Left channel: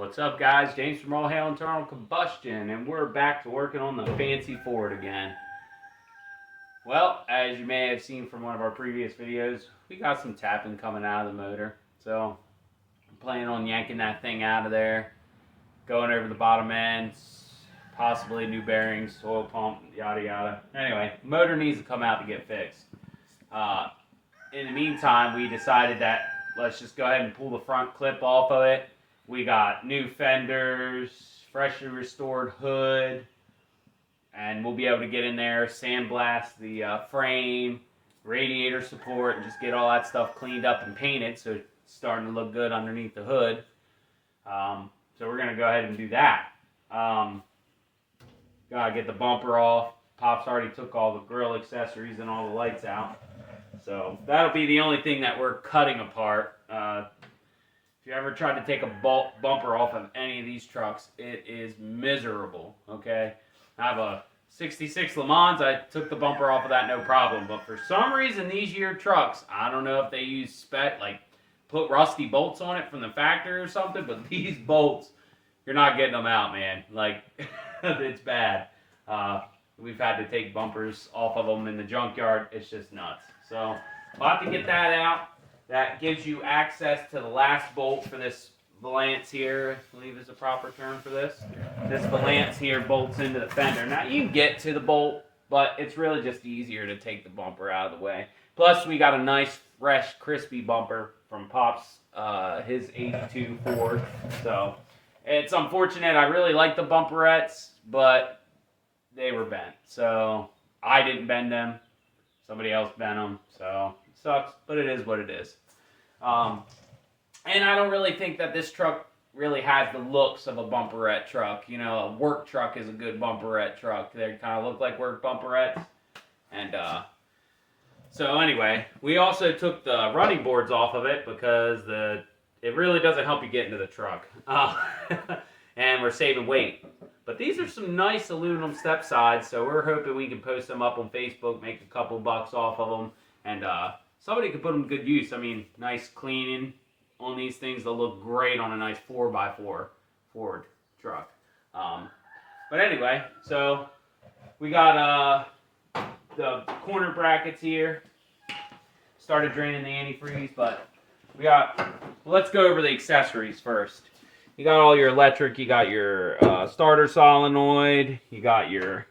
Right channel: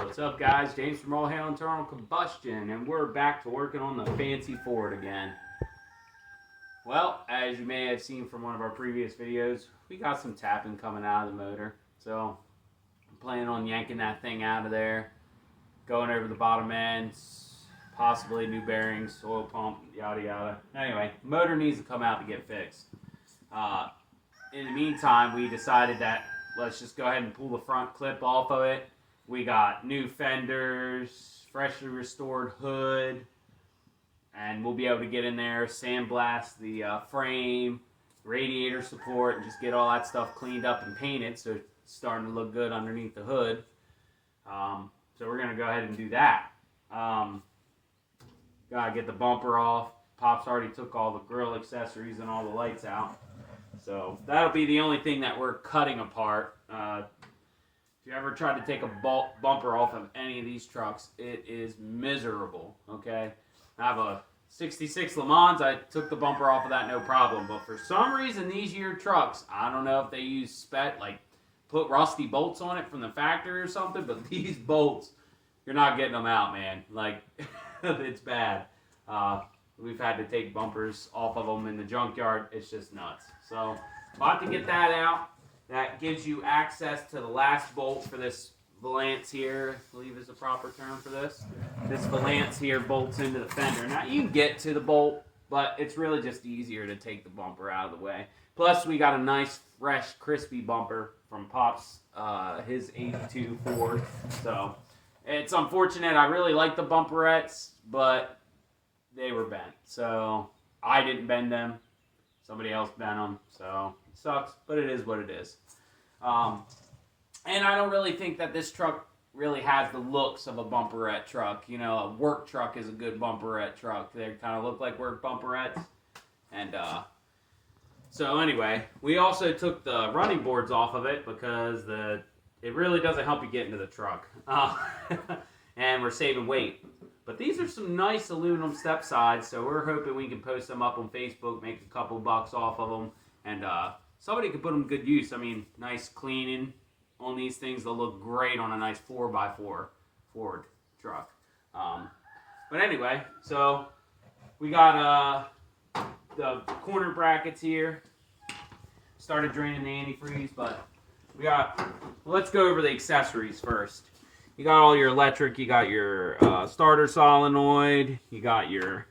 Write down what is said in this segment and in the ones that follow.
What's up, guys? James from All Hail Internal Combustion, and we're back to working on the fancy Ford again. Well, as you may have seen from one of our previous videos, we got some tapping coming out of the motor. So, I'm planning on yanking that thing out of there, going over the bottom ends, possibly new bearings, oil pump, yada yada. Anyway, the motor needs to come out to get fixed. In the meantime, we decided that let's just go ahead and pull the front clip off of it. We got new fenders, freshly restored hood, and we'll be able to get in there, sandblast the frame, radiator support, and just get all that stuff cleaned up and painted so it's starting to look good underneath the hood. So we're going to go ahead and do that. Gotta get the bumper off. Pop's already took all the grill accessories and all the lights out. So that'll be the only thing that we're cutting apart. If you ever tried to take a bumper off of any of these trucks, it is miserable, okay? I have a 66 Le Mans. I took the bumper off of that no problem. But for some reason, these year trucks, I don't know if they use spec, like put rusty bolts on it from the factory or something, but these bolts, you're not getting them out, man. Like, it's bad. We've had to take bumpers off of them in the junkyard. It's just nuts. So, we'll have to get that out. That gives you access to the last bolt for this valance here, I believe is the proper term for this. This valance here bolts into the fender. Now, you can get to the bolt, but it's really just easier to take the bumper out of the way. Plus, we got a nice, fresh, crispy bumper from Pop's, his 82 Ford. So, it's unfortunate. I really like the bumperettes, but they were bent. So, I didn't bend them. Somebody else bent them. So, it sucks, but it is what it is. And I don't really think that this truck really has the looks of a bumperette truck. You know, a work truck is a good bumperette truck. They kind of look like work bumperettes. And, so anyway, we also took the running boards off of it because it really doesn't help you get into the truck. And we're saving weight. But these are some nice aluminum step sides, so we're hoping we can post them up on Facebook, make a couple bucks off of them, and somebody could put them to good use. I mean, nice cleaning on these things. They'll look great on a nice 4x4 Ford truck. But anyway, so we got the corner brackets here. Started draining the antifreeze, but let's go over the accessories first. You got all your electric, you got your starter solenoid, you got your,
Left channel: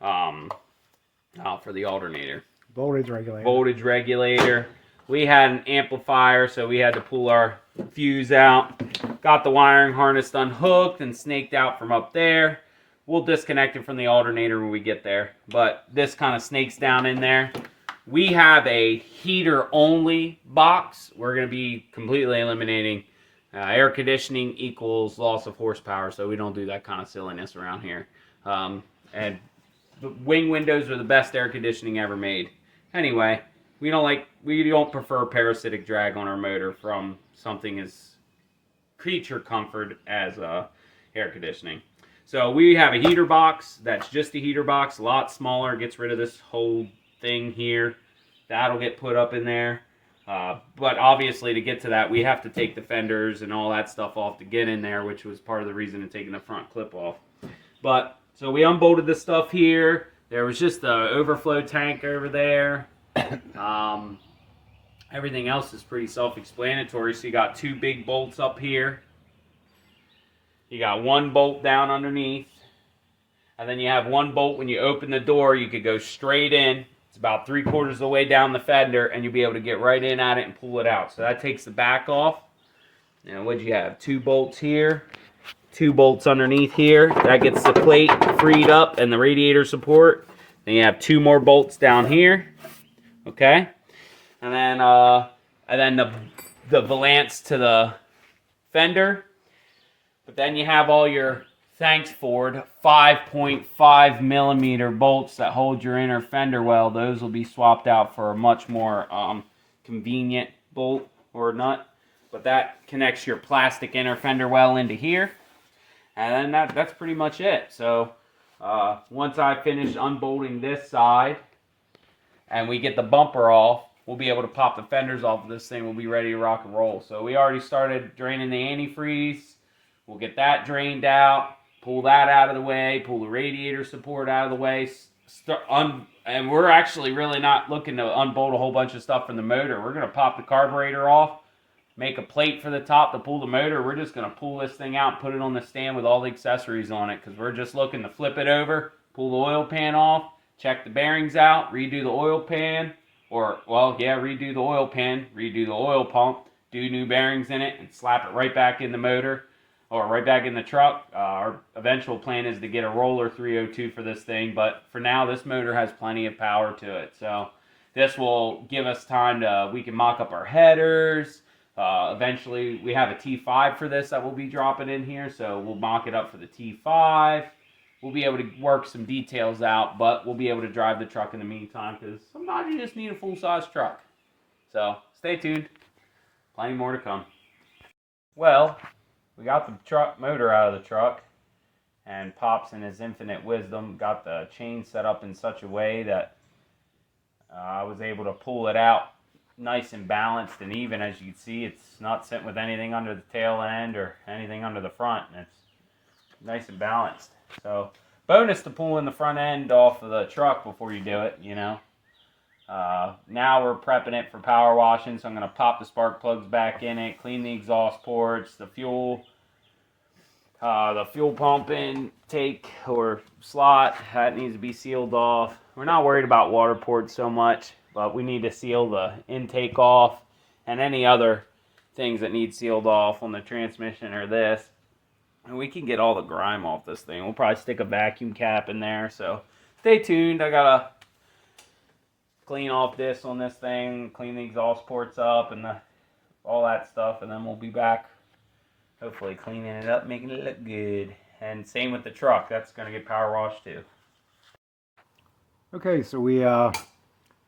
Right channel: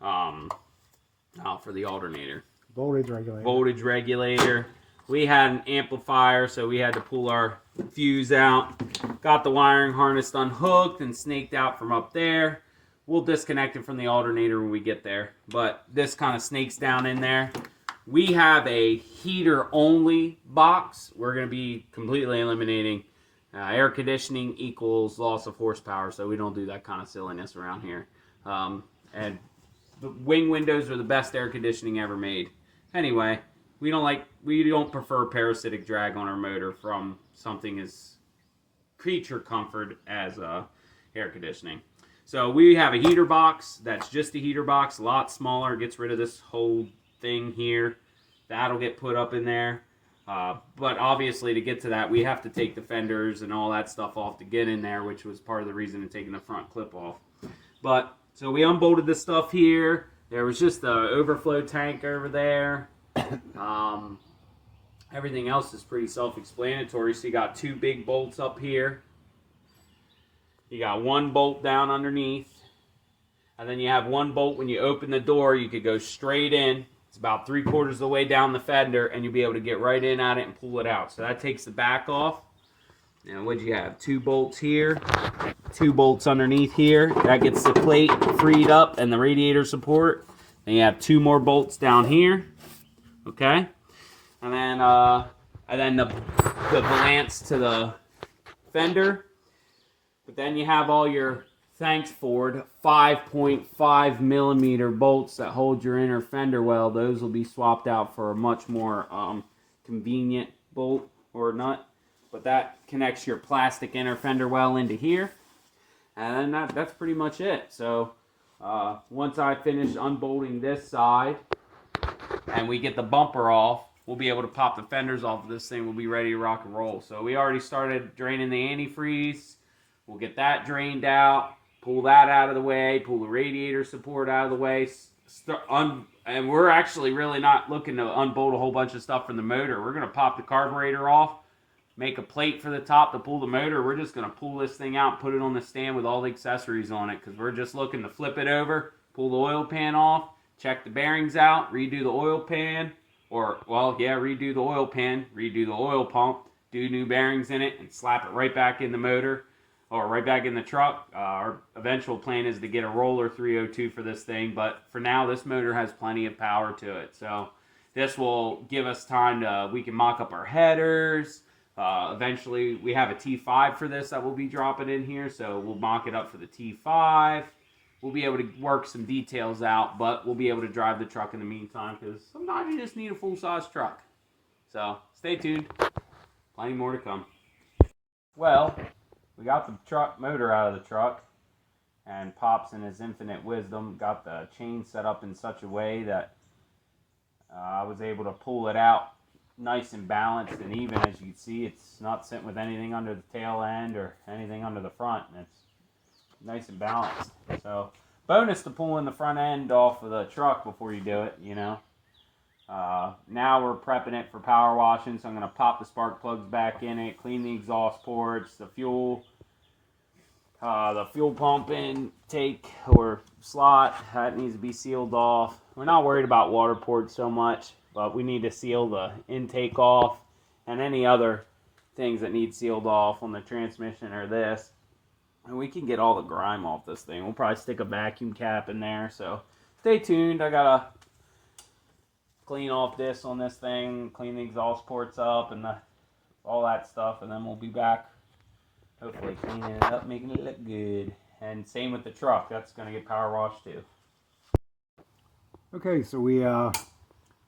for the alternator. Voltage regulator. Voltage regulator. We had an amplifier, so we had to pull our fuse out. Got the wiring harness unhooked and snaked out from up there. We'll disconnect it from the alternator when we get there, but this kind of snakes down in there. We have a heater-only box. We're going to be completely eliminating air conditioning equals loss of horsepower, so we don't do that kind of silliness around here. And the wing windows are the best air conditioning ever made. Anyway, we don't prefer parasitic drag on our motor from something as creature comfort as air conditioning. So we have a heater box that's just a heater box, a lot smaller, gets rid of this whole thing here. That'll get put up in there. But obviously to get to that, we have to take the fenders and all that stuff off to get in there, which was part of the reason of taking the front clip off. But, so we unbolted this stuff here. There was just the overflow tank over there. Everything else is pretty self-explanatory. So you got two big bolts up here. You got one bolt down underneath. And then you have one bolt when you open the door, you could go straight in. It's about 3/4 of the way down the fender, and you'll be able to get right in at it and pull it out. So that takes the back off. Now, what'd you have? 2 bolts here, 2 bolts underneath here. That gets the plate freed up and the radiator support. Then you have 2 more bolts down here. Okay, and then the valance to the fender. But then you have all your, thanks Ford, 5.5 millimeter bolts that hold your inner fender well. Those will be swapped out for a much more convenient bolt or nut. But that connects your plastic inner fender well into here. And then that's pretty much it. So once I finish unbolting this side and we get the bumper off, we'll be able to pop the fenders off of this thing. We'll be ready to rock and roll. So we already started draining the antifreeze. We'll get that drained out, pull that out of the way, pull the radiator support out of the way, and we're actually really not looking to unbolt a whole bunch of stuff from the motor. We're going to pop the carburetor off, make a plate for the top to pull the motor. We're just going to pull this thing out and put it on the stand with all the accessories on it, because we're just looking to flip it over, pull the oil pan off, check the bearings out, redo the oil pan, redo the oil pan, redo the oil pump, do new bearings in it, and slap it right back in the motor, or right back in the truck. Our eventual plan is to get a roller 302 for this thing, but for now, this motor has plenty of power to it. So this will give us time to, we can mock up our headers. Eventually, we have a T5 for this that we'll be dropping in here, so we'll mock it up for the T5. We'll be able to work some details out, but we'll be able to drive the truck in the meantime, because sometimes you just need a full-size truck. So stay tuned. Plenty more to come. Well, we got the truck motor out of the truck, and Pops in his infinite wisdom got the chain set up in such a way that I was able to pull it out nice and balanced and even. As you can see, it's not sitting with anything under the tail end or anything under the front, and it's nice and balanced. So bonus to pulling the front end off of the truck before you do it, you know. Now we're prepping it for power washing, so I'm going to pop the spark plugs back in it, clean the exhaust ports, the fuel pump intake or slot, that needs to be sealed off. We're not worried about water ports so much, but we need to seal the intake off and any other things that need sealed off on the transmission or this. And we can get all the grime off this thing. We'll probably stick a vacuum cap in there, so stay tuned. I gotta clean off this on this thing, clean the exhaust ports up and all that stuff, and then we'll be back hopefully cleaning it up, making it look good. And same with the truck, that's going to get power washed too. Okay, so we got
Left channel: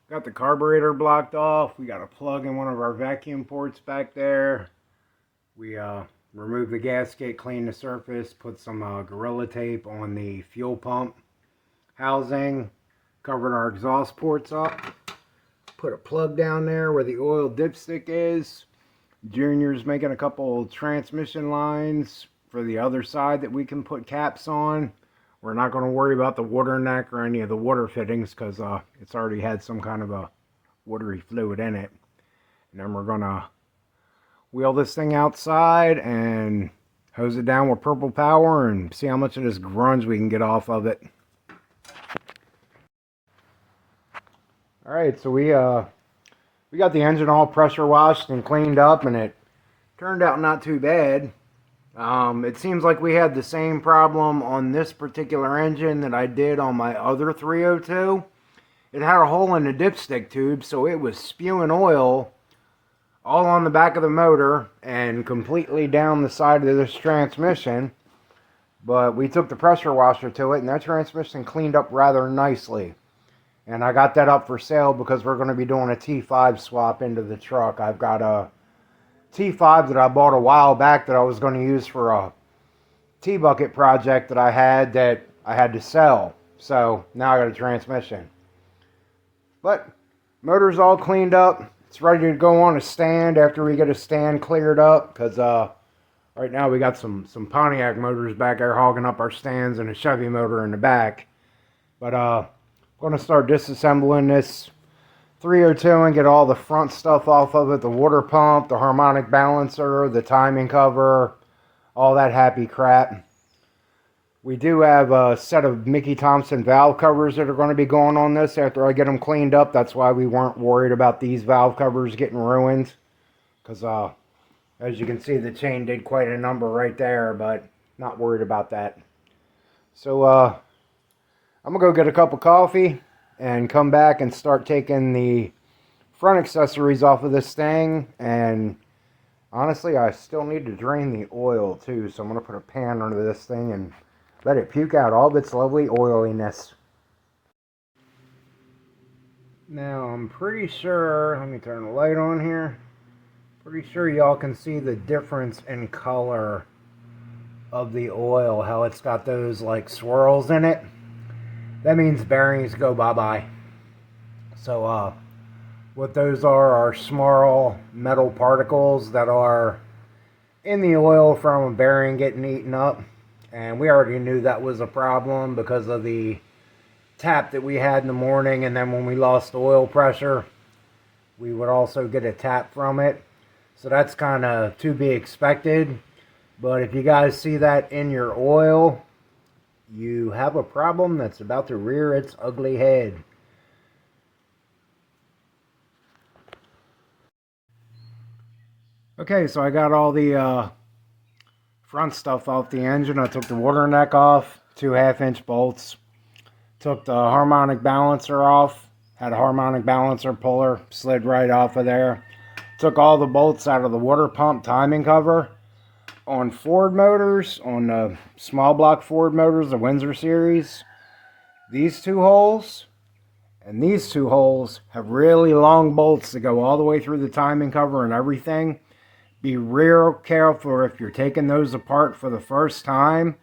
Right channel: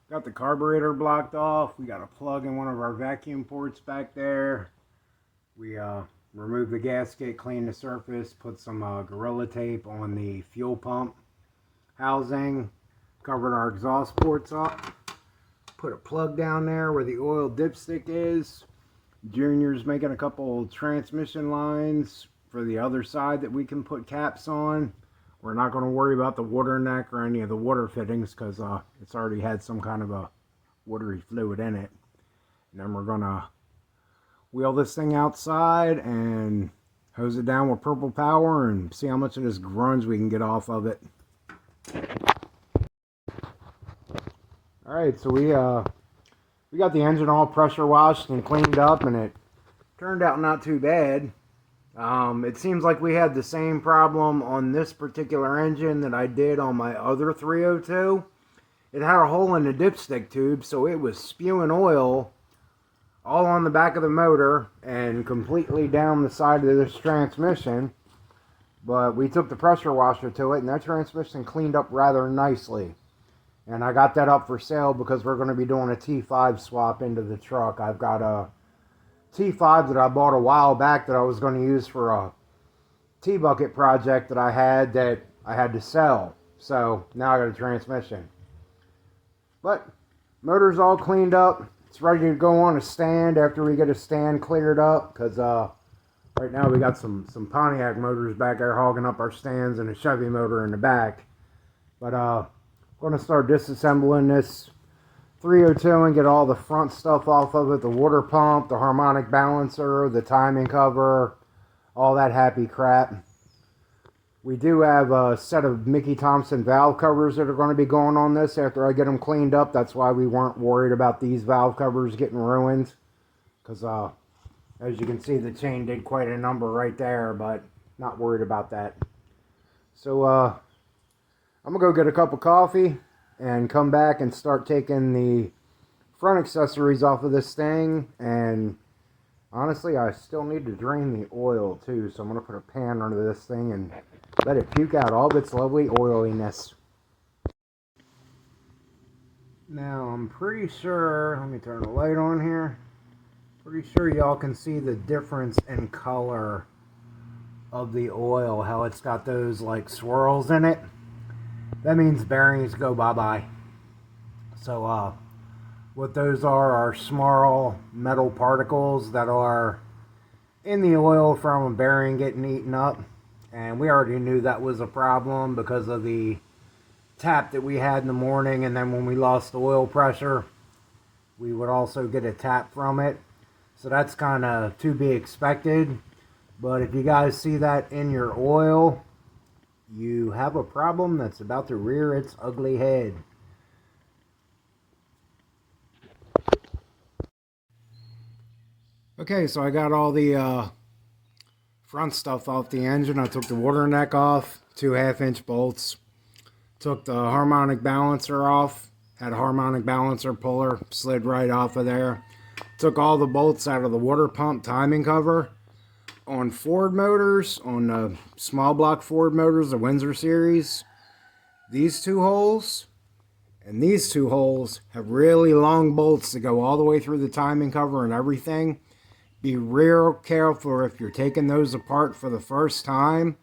the carburetor blocked off. We got a plug in one of our vacuum ports back there. We removed the gasket, cleaned the surface, put some Gorilla Tape on the fuel pump housing, covered our exhaust ports up, put a plug down there where the oil dipstick is. Junior's making a couple transmission lines for the other side that we can put caps on. We're not going to worry about the water neck or any of the water fittings, because it's already had some kind of a watery fluid in it. And then we're going to wheel this thing outside and hose it down with purple power and see how much of this grunge we can get off of it. Alright, so we got the engine all pressure washed and cleaned up, and it turned out not too bad. It seems like we had the same problem on this particular engine that I did on my other 302. It had a hole in the dipstick tube, so it was spewing oil all on the back of the motor and completely down the side of this transmission. But we took the pressure washer to it, and that transmission cleaned up rather nicely. And I got that up for sale because we're going to be doing a T5 swap into the truck. I've got a T5 that I bought a while back that I was going to use for a T-bucket project that I had to sell. So now I got a transmission. But motor's all cleaned up. It's ready to go on a stand after we get a stand cleared up, because right now we got some Pontiac motors back there hogging up our stands and a Chevy motor in the back. But I'm going to start disassembling this 302 and get all the front stuff off of it, the water pump, the harmonic balancer, the timing cover, all that happy crap. We do have a set of Mickey Thompson valve covers that are going to be going on this after I get them cleaned up. That's why we weren't worried about these valve covers getting ruined, because as you can see, the chain did quite a number right there, but not worried about that. So I'm going to go get a cup of coffee and come back and start taking the front accessories off of this thing. And honestly, I still need to drain the oil too, so I'm going to put a pan under this thing and let it puke out all of its lovely oiliness. Now, I'm pretty sure, let me turn the light on here. Pretty sure y'all can see the difference in color of the oil, how it's got those like swirls in it. That means bearings go bye-bye. So, what those are small metal particles that are in the oil from a bearing getting eaten up. And we already knew that was a problem because of the tap that we had in the morning, and then when we lost the oil pressure, we would also get a tap from it. So that's kind of to be expected. But if you guys see that in your oil, you have a problem that's about to rear its ugly head. Okay, so I got all the front stuff off the engine. I took the water neck off, 2 1/2-inch bolts. Took the harmonic balancer off. Had a harmonic balancer puller, slid right off of there. Took all the bolts out of the water pump timing cover. On Ford motors, on the small block Ford motors, the Windsor series, these 2 holes and these 2 holes have really long bolts that go all the way through the timing cover and everything. Be real careful if you're taking those apart for the first time.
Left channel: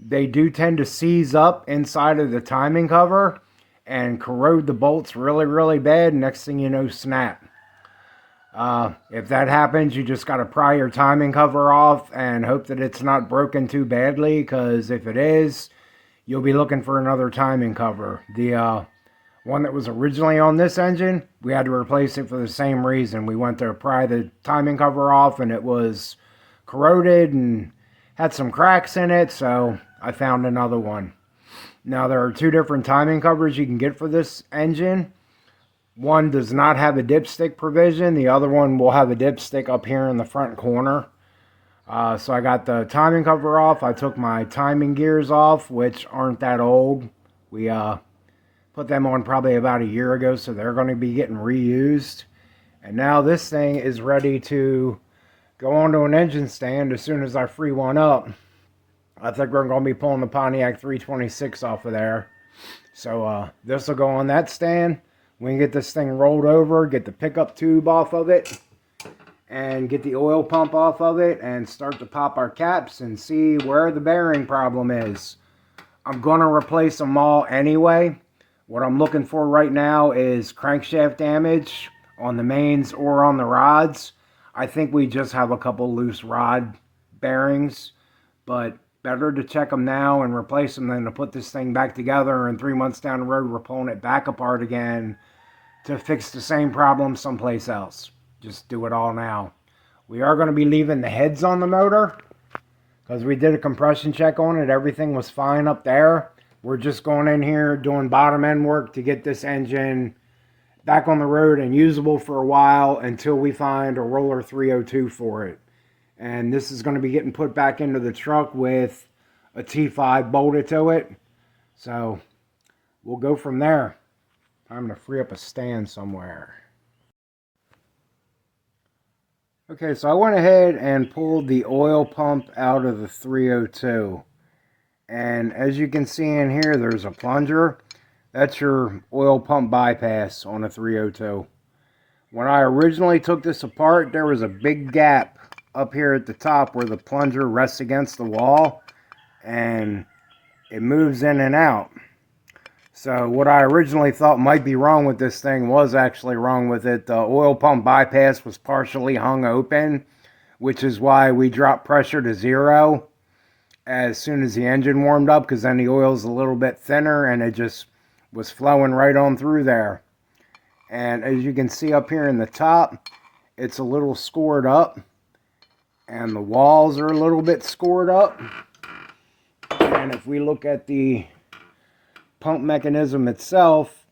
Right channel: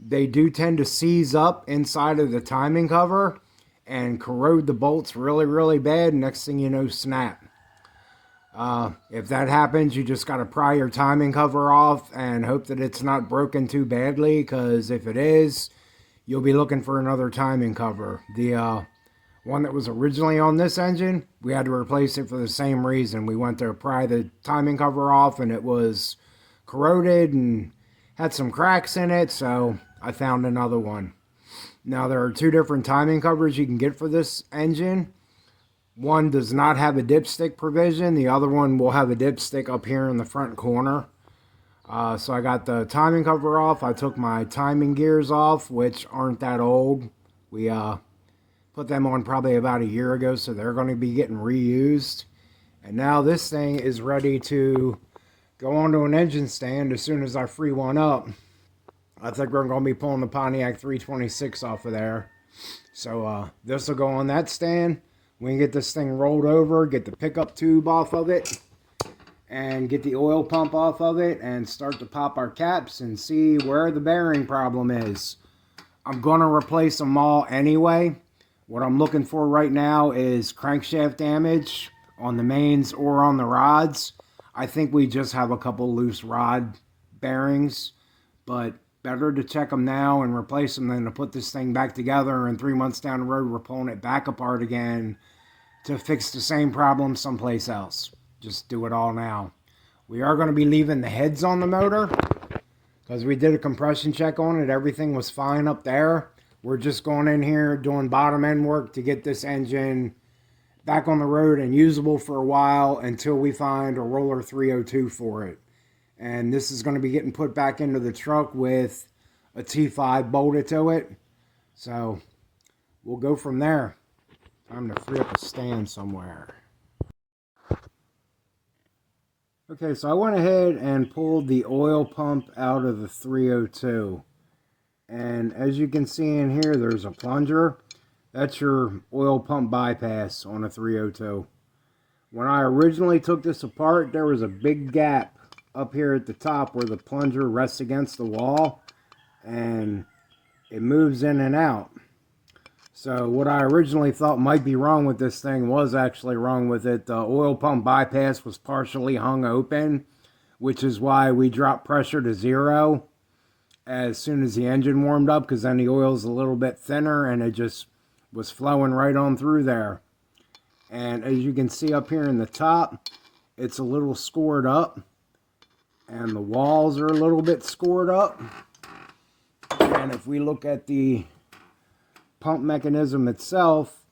They do tend to seize up inside of the timing cover and corrode the bolts really, really bad. Next thing you know, snap. If that happens, you just got to pry your timing cover off and hope that it's not broken too badly, because if it is, you'll be looking for another timing cover. The one that was originally on this engine, we had to replace it for the same reason. We went to pry the timing cover off and it was corroded and had some cracks in it, so I found another one. Now, there are 2 different timing covers you can get for this engine. One does not have a dipstick provision. The other one will have a dipstick up here in the front corner. So I got the timing cover off. I took my timing gears off, which aren't that old. We put them on probably about a year ago, so they're going to be getting reused. And now this thing is ready to go onto an engine stand as soon as I free one up. I think we're going to be pulling the Pontiac 326 off of there. So this will go on that stand. We can get this thing rolled over, get the pickup tube off of it, and get the oil pump off of it, and start to pop our caps and see where the bearing problem is. I'm going to replace them all anyway. What I'm looking for right now is crankshaft damage on the mains or on the rods. I think we just have a couple loose rod bearings, but better to check them now and replace them than to put this thing back together and 3 months down the road we're pulling it back apart again to fix the same problem someplace else. Just do it all now. We are going to be leaving the heads on the motor because we did a compression check on it. Everything was fine up there. We're just going in here doing bottom end work to get this engine back on the road and usable for a while until we find a roller 302 for it. And this is going to be getting put back into the truck with a T5 bolted to it. So we'll go from there. Time to free up a stand somewhere. Okay, so I went ahead and pulled the oil pump out of the 302. And as you can see in here, there's a plunger. That's your oil pump bypass on a 302. When I originally took this apart, there was a big gap up here at the top where the plunger rests against the wall, and it moves in and out. So what I originally thought might be wrong with this thing was actually wrong with it. The oil pump bypass was partially hung open, which is why we dropped pressure to 0 as soon as the engine warmed up, because then the oil's a little bit thinner and it just was flowing right on through there. And as you can see up here in the top, it's a little scored up, and the walls are a little bit scored up. And if we look at the pump mechanism itself,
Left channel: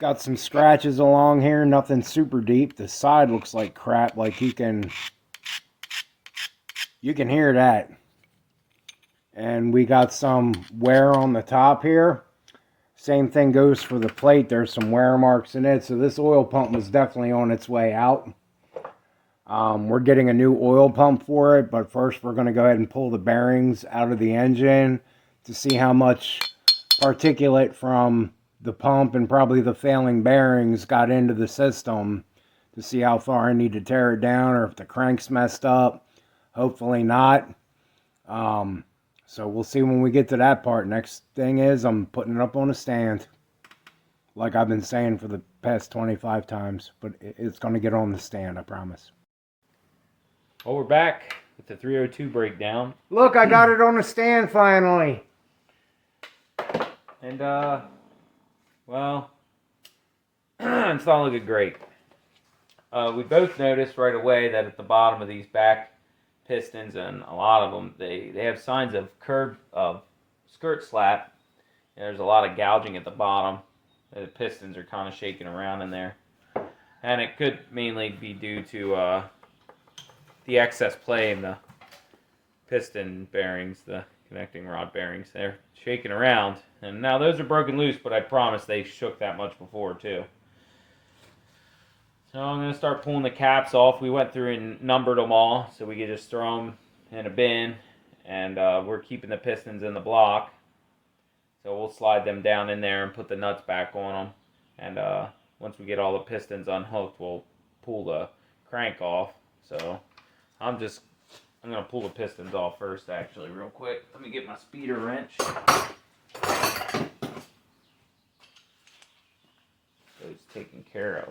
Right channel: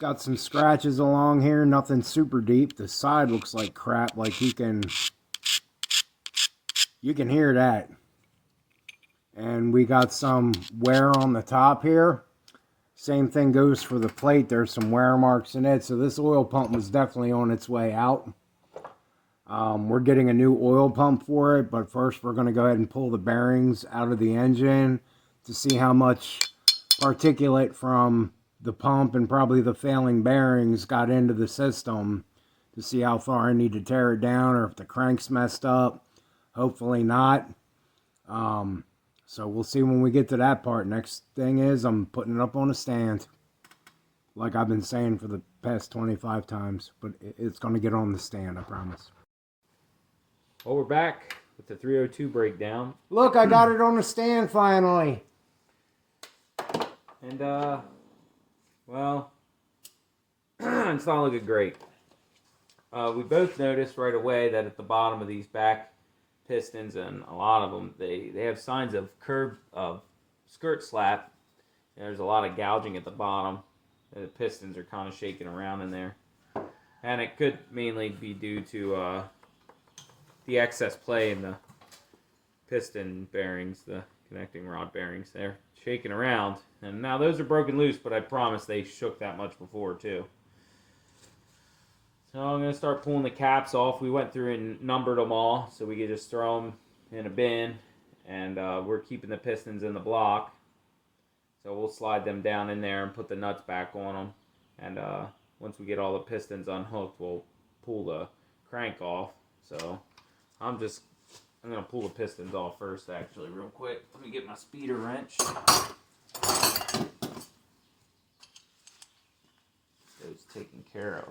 got some scratches along here, nothing super deep. The side looks like crap, like you can hear that. And we got some wear on the top here. Same thing goes for the plate. There's some wear marks in it, so this oil pump was definitely on its way out. We're getting a new oil pump for it, but first we're going to go ahead and pull the bearings out of the engine to see how much particulate from the pump and probably the failing bearings got into the system, to see how far I need to tear it down or if the crank's messed up. Hopefully not. So we'll see when we get to that part. Next thing is I'm putting it up on a stand, like I've been saying for the past 25 times, but it's going to get on the stand, I promise. Well, we're back with the 302 breakdown. Look, I got it on the stand finally. And, well, it's not looking great. We both noticed right away that at the bottom of these back pistons, and a lot of them, they have signs of skirt slap. There's a lot of gouging at the bottom. The pistons are kind of shaking around in there. And it could mainly be due to the excess play in the piston bearings, the connecting rod bearings. They're shaking around. And now those are broken loose, but I promise they shook that much before too. So I'm going to start pulling the caps off. We went through and numbered them all, so we could just throw them in a bin. And we're keeping the pistons in the block. So we'll slide them down in there and put the nuts back on them. And once we get all the pistons unhooked, we'll pull the crank off. So I'm going to pull the pistons off first, actually, real quick. Let me get my speeder wrench. So it's taken care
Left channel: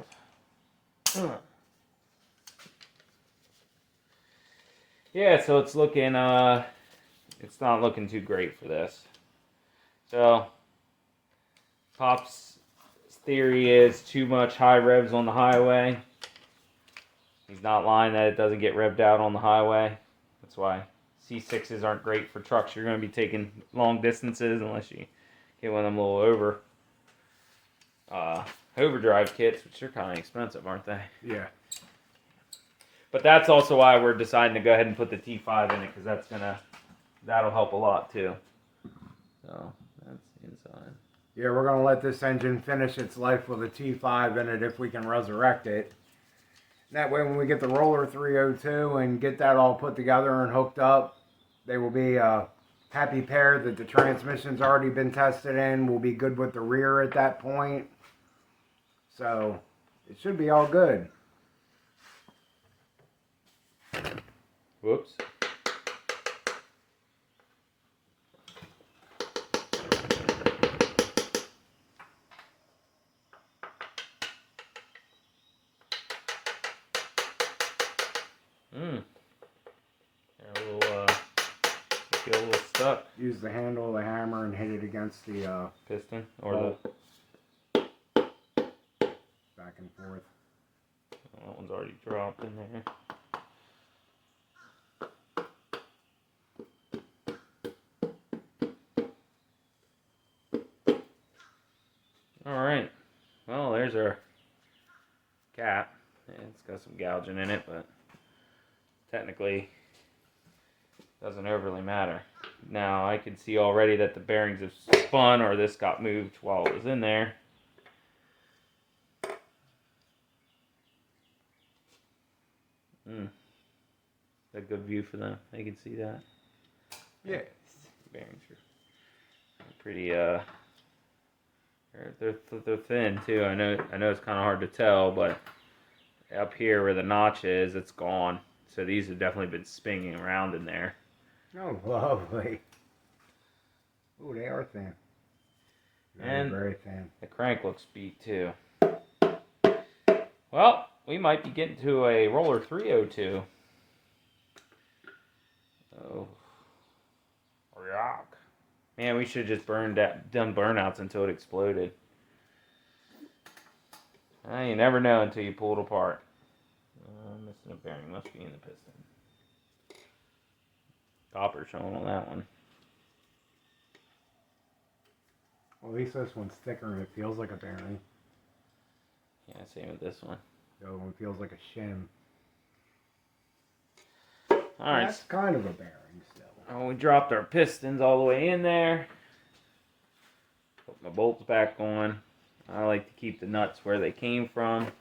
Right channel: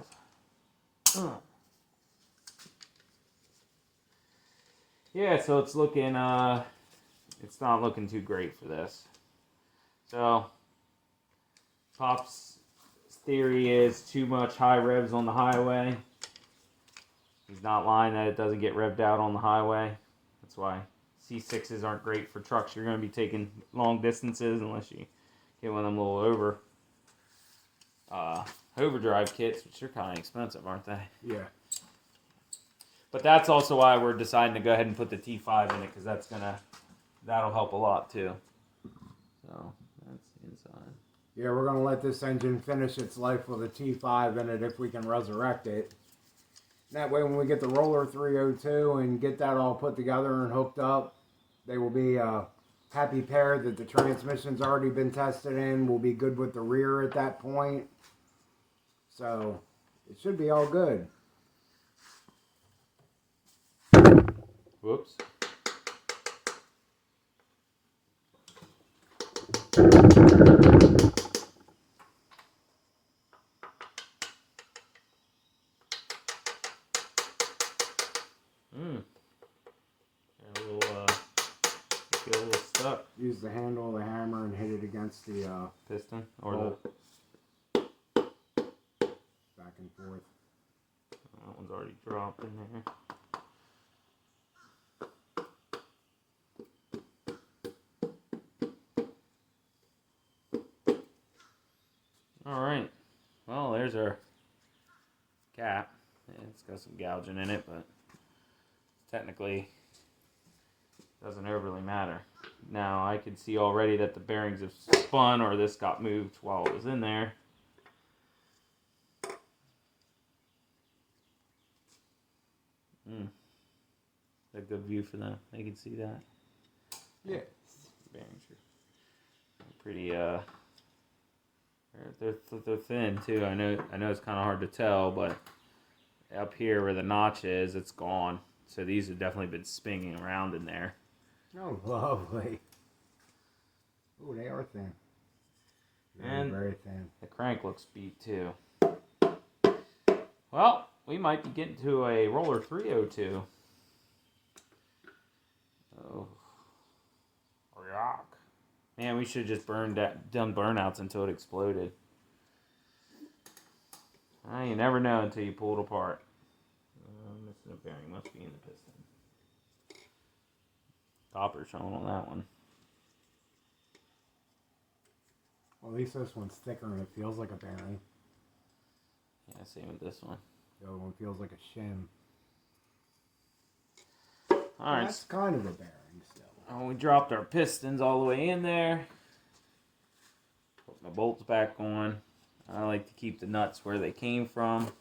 of. Yeah, so it's looking, it's not looking too great for this. So, Pop's theory is too much high revs on the highway. He's not lying that it doesn't get revved out on the highway. That's why C6s aren't great for trucks. You're going to be taking long distances unless you get one of them little overdrive kits, which are kind of expensive, aren't they? Yeah. But that's also why we're deciding to go ahead and put the T5 in it, because that'll help a lot too. So that's the inside. Yeah, we're going to let this engine finish its life with a T5 in it if we can resurrect it. That way when we get the roller 302 and get that all put together and hooked up, they will be a happy pair that the transmission's already been tested in. We'll be good with the rear at that point. So it should be all good. Whoops. Get a little stuck. Use the handle of the hammer and hit it against the Piston or back and forth. That one's already dropped in there. Alright, well there's our cap. It's got some gouging in it, but technically doesn't overly matter. Now I can see already that the bearings have spun, or this got moved while it was in there. A good view for them. They can see that. Yes. Bearings are pretty they're thin too. I know it's kind of hard to tell, but up here where the notch is, it's gone. So these have definitely been spinning around in there. Oh, lovely. Oh, they are thin. Very, very thin. The crank looks beat too. Well, we might be getting to a roller 302. Oh, yuck. Man, we should have just done burnouts until it exploded. You never know until you pull it apart. Missing a bearing, must be in the piston. Copper showing on that one. Well, at least this one's thicker and it feels like a bearing. Yeah, same with this one. The other one feels like a shim. Alright. That's kind of a bearing still. Oh, we dropped our pistons all the way in there. Put my bolts back on. I like to keep the nuts where they came from.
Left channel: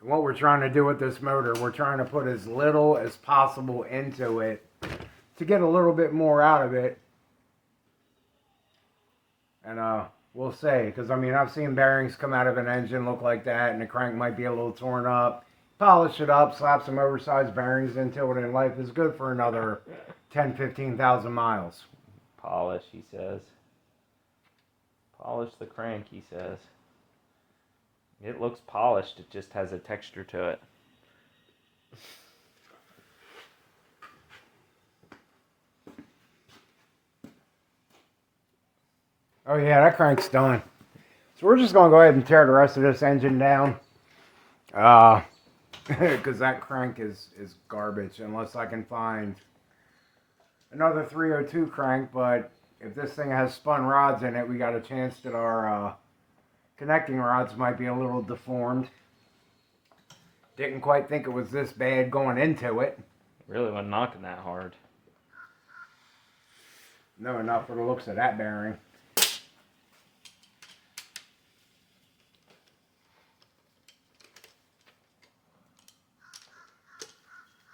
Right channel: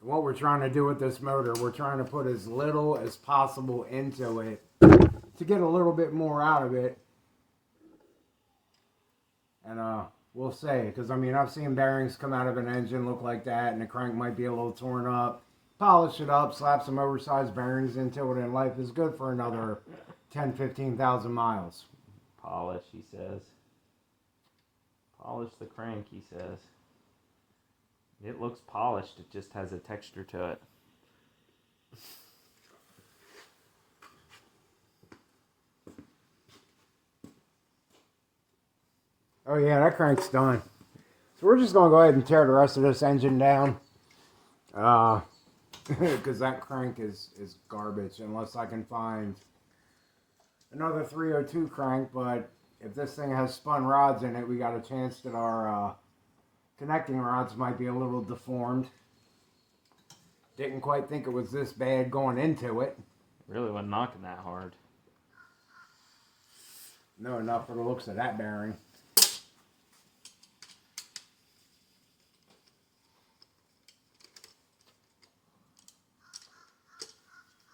And what we're trying to do with this motor, we're trying to put as little as possible into it to get a little bit more out of it. And we'll see, because I mean, I've seen bearings come out of an engine look like that, and the crank might be a little torn up. Polish it up, slap some oversized bearings into it, and life is good for another 10, 15,000 miles. Polish, he says. Polish the crank, he says. It looks polished. It just has a texture to it. Oh yeah, that crank's done. So we're just gonna go ahead and tear the rest of this engine down. Because that crank is garbage unless I can find another 302 crank. But if this thing has spun rods in it, we got a chance that our connecting rods might be a little deformed. Didn't quite think it was this bad going into it. Really wasn't knocking that hard. No, not for the looks of that bearing.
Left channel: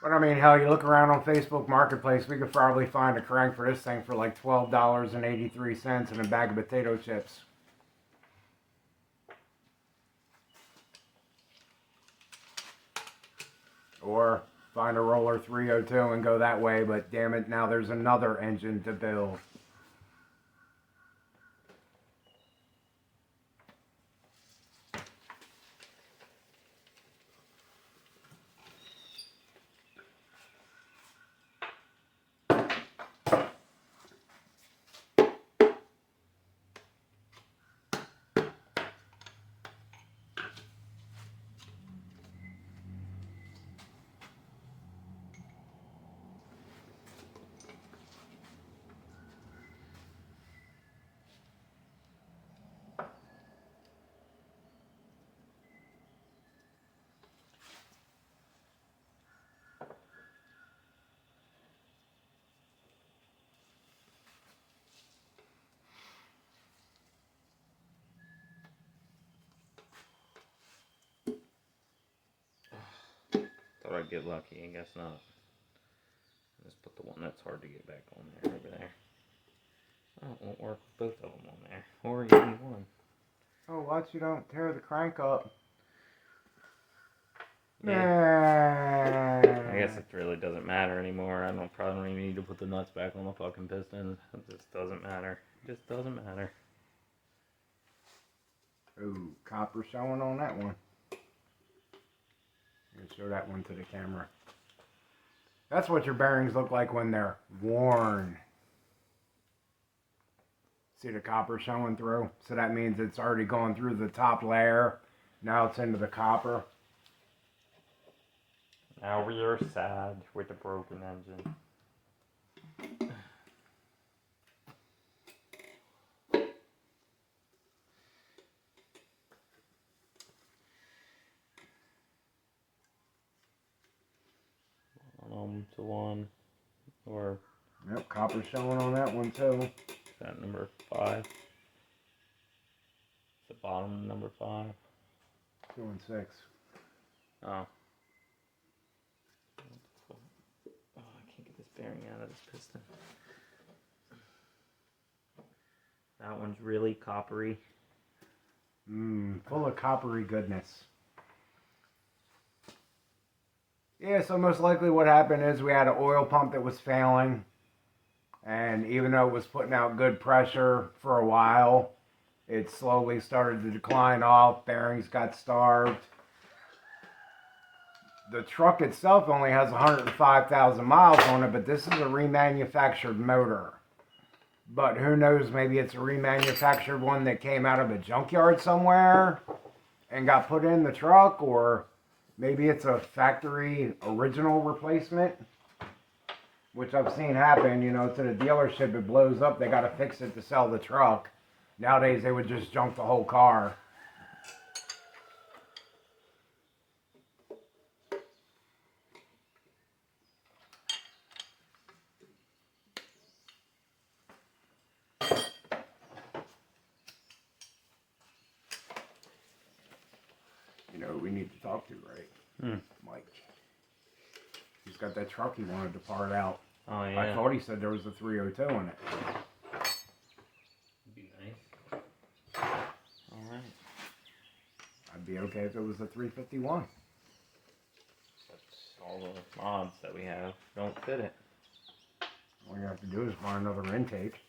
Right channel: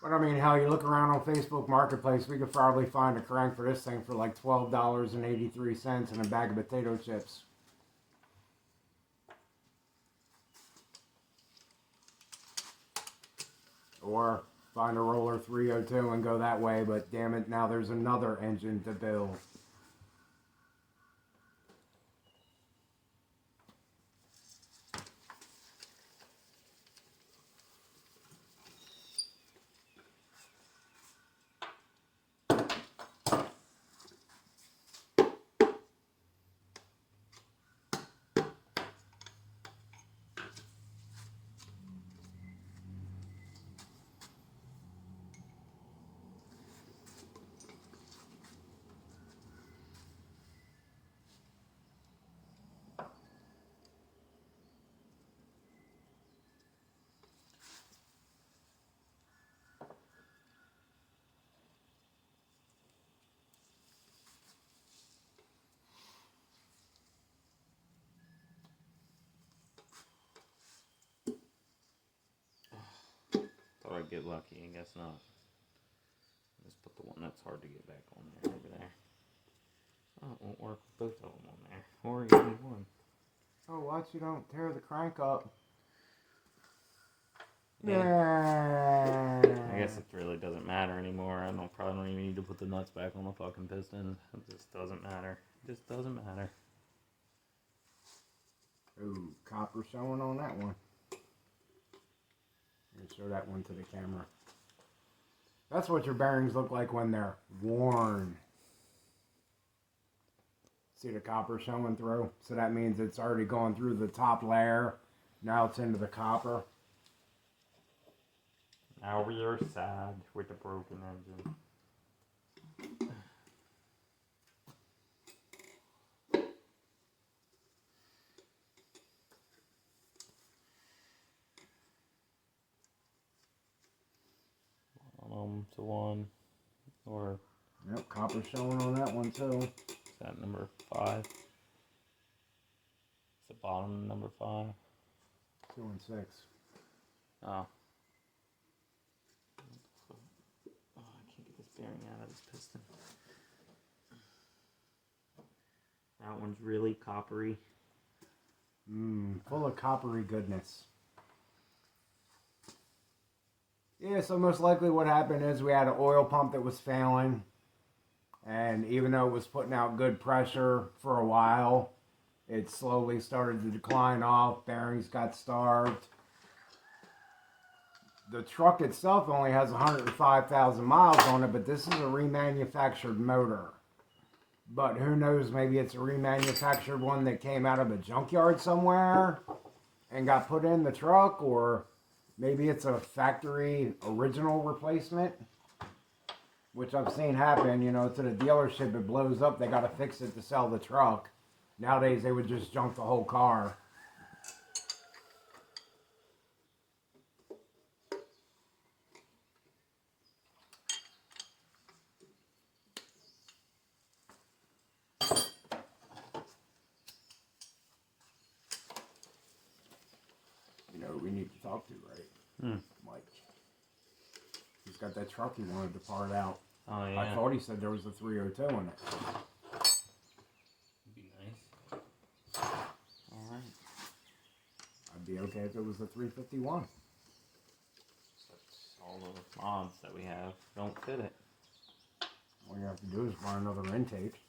But I mean, hell, you look around on Facebook Marketplace, we could probably find a crank for this thing for like $12.83 and a bag of potato chips. Or find a roller 302 and go that way, but damn it, now there's another engine to build. Thought I'd get lucky, I guess not. Let's put the one that's hard to get back on there over there. Oh, it won't work with both of them on there. Or even one. Oh, watch you don't tear the crank up. Yeah. I guess it really doesn't matter anymore. Probably don't even need to put the nuts back on the fucking piston. It just doesn't matter. It just doesn't matter. Ooh, copper showing on that one. Let me show that one to the camera. That's what your bearings look like when they're worn. See the copper showing through? So that means it's already gone through the top layer. Now it's into the copper. Now we are sad with the broken engine. To one, or yep, copper showing on that one too. Is that number 5? Is the bottom number 5? 2 and 6. Oh. Oh, I can't get this bearing out of this piston. That one's really coppery. Full of coppery goodness. Yeah, so most likely what happened is we had an oil pump that was failing. And even though it was putting out good pressure for a while, it slowly started to decline off. Bearings got starved. The truck itself only has 105,000 miles on it, but this is a remanufactured motor. But who knows, maybe it's a remanufactured one that came out of a junkyard somewhere and got put in the truck, or maybe it's a factory original replacement, which I've seen happen. You know, it's at a dealership, it blows up, they got to fix it to sell the truck. Nowadays, they would just junk the whole car. You know who we need to talk to, right? Mike. He's got that truck he wanted to part out. Oh, yeah. I thought he said there was a 302 in it. Be nice. Alright. I'd be okay if it was a 351. But all the mods that we have don't fit it. All you have to do is find another intake.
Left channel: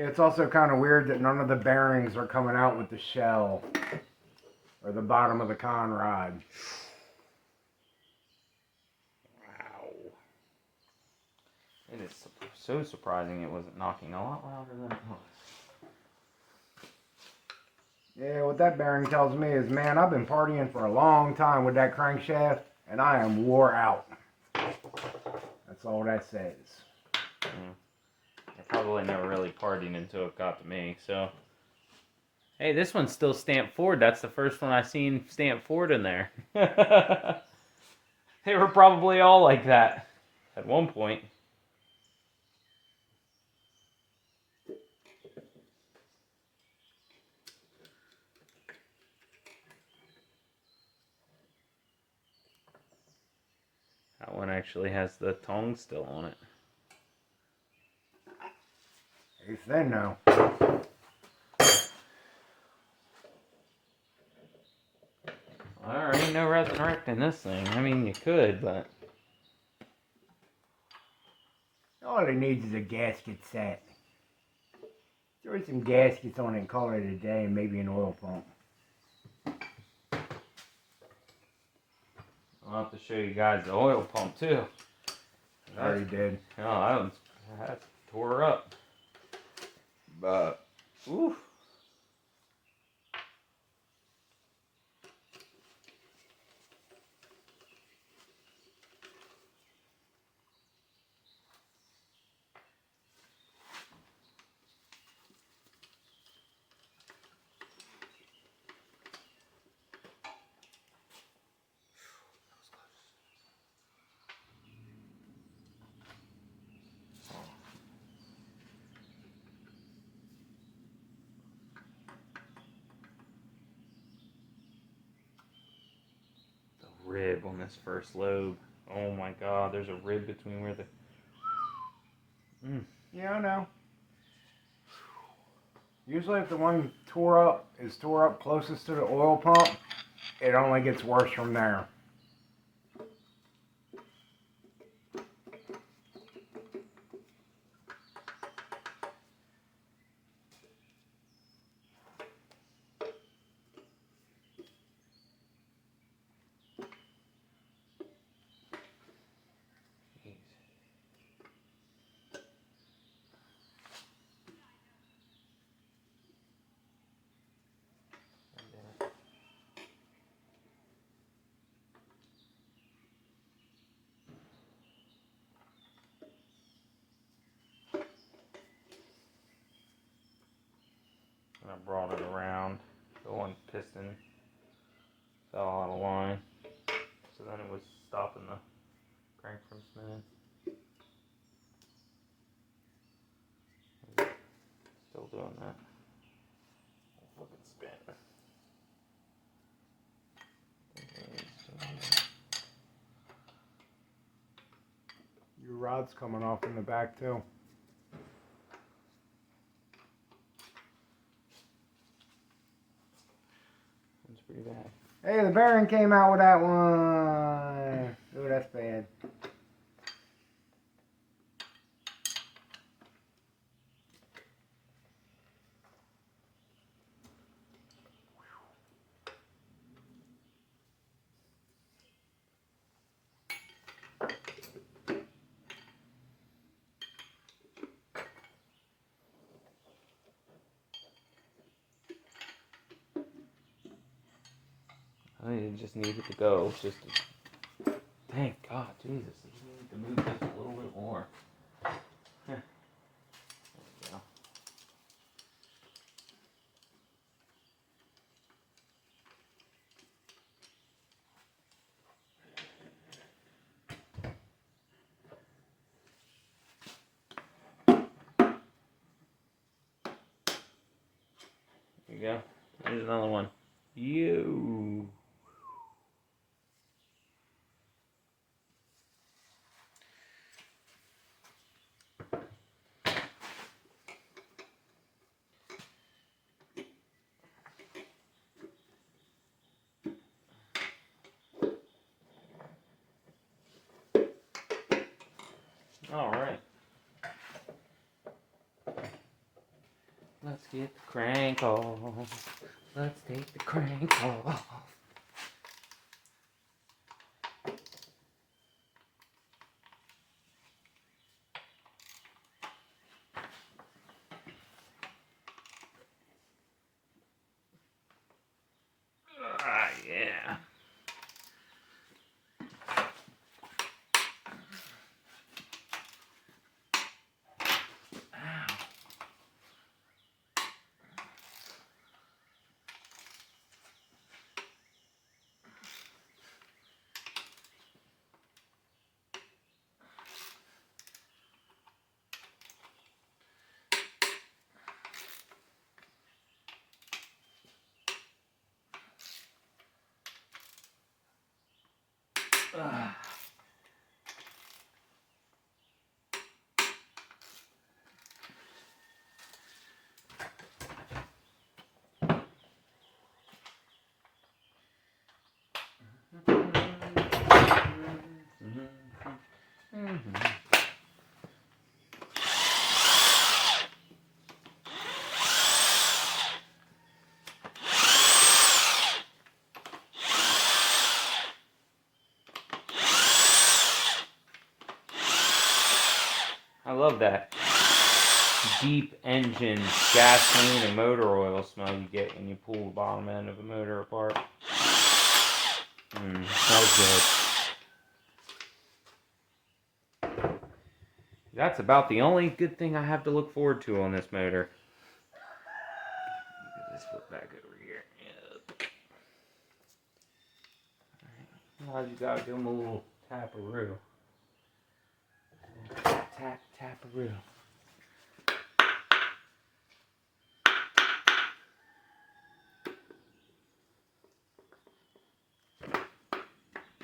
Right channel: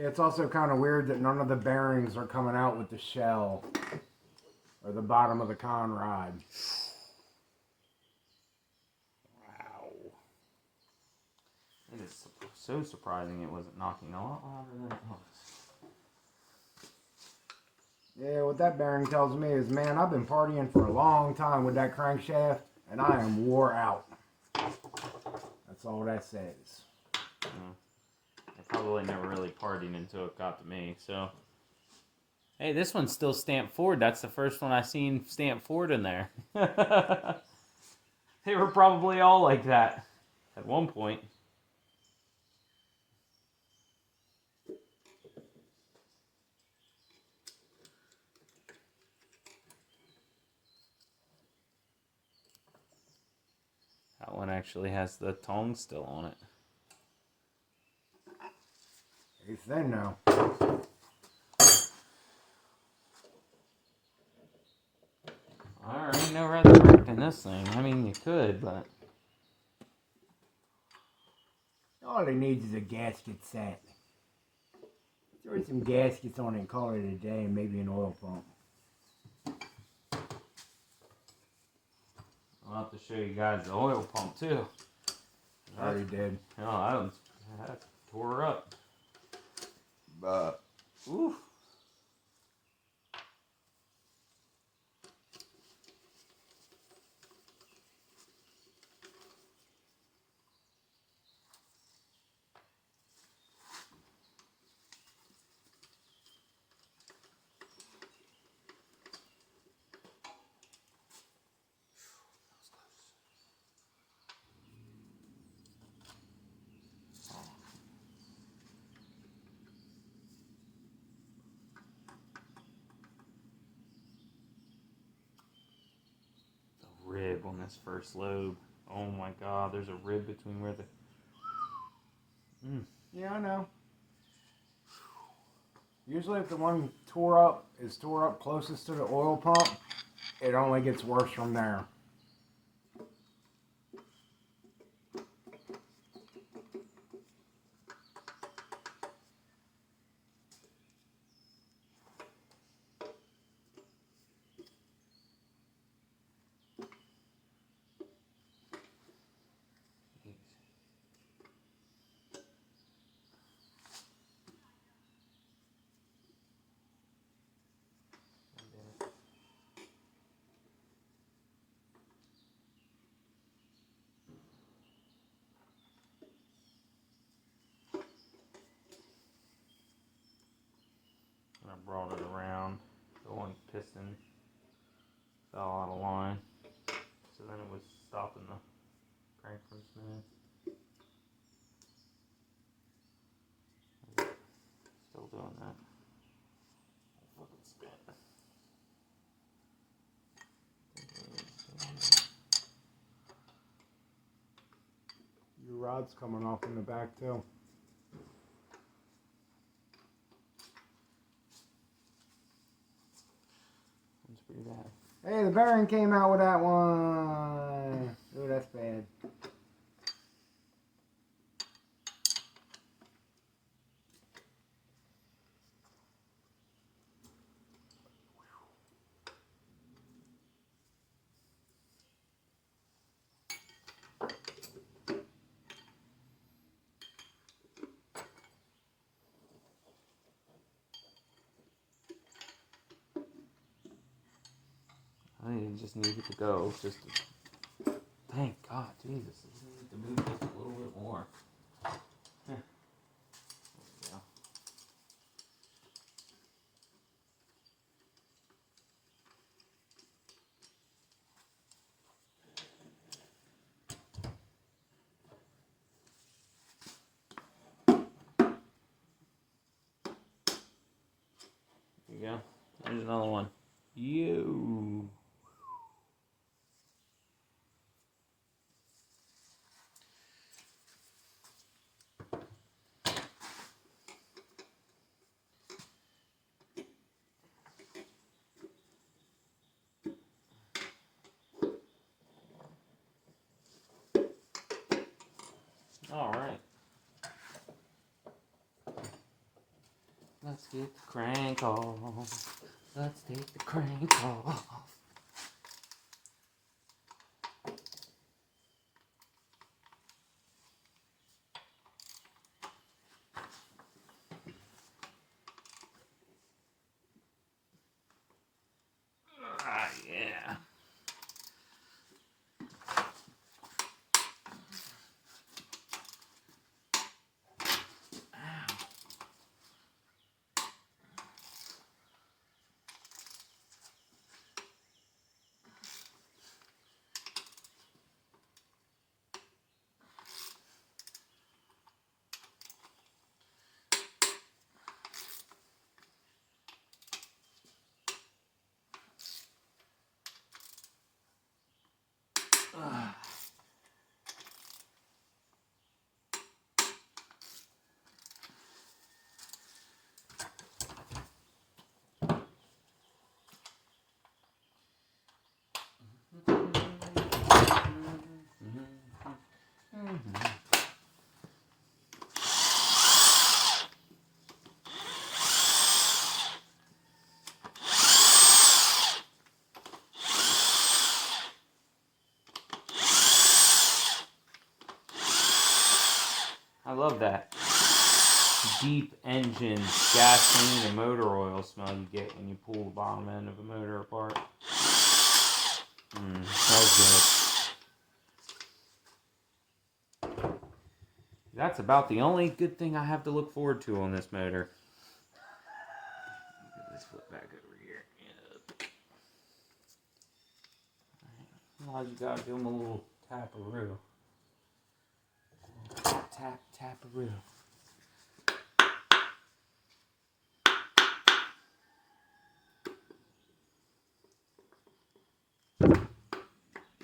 Yeah, it's also kind of weird that none of the bearings are coming out with the shell or the bottom of the con rod. Wow. It is so surprising it wasn't knocking a lot louder than it was. Yeah, what that bearing tells me is, man, I've been partying for a long time with that crankshaft, and I am wore out. That's all that says. I probably never really partied until it got to me, so. Hey, this one's still stamped Ford. That's the first one I've seen stamped Ford in there. They were probably all like that at one point. That one actually has the tongue still on it. It's thin now. There ain't no red mark in this thing. I mean, you could, but... All it needs is a gasket set. Throw some gaskets on it and call it a day, and maybe an oil pump. I'll have to show you guys the oil pump, too. I already did. Oh, that tore her up. But, oof. Rib on this first lobe. Oh my god, there's a rib between where the... Yeah, I know. Usually if the one is tore up closest to the oil pump, it only gets worse from there. I brought it around. The one piston fell out of line. So then it was stopping the crank from spinning. Still doing that. Fucking spin. Your rod's coming off in the back too. That's pretty bad. Hey, the bearing came out with that one. Ooh, that's bad. I just needed to go. Just to... Thank God, Jesus. I need to move this a little bit more. There we go. There you go. There's another one. You. All right. Let's get the crank off. Let's take the crank off. Ah, yeah. Ow. I love that deep engine gasoline and motor oil smell you get when you pull the bottom end of a motor apart. Smells good. That's about the only good thing I have to look forward to on this motor. Get this foot back over here. Now you gotta give him a little tap-a-roo. Tap, tap, tap-a-roo.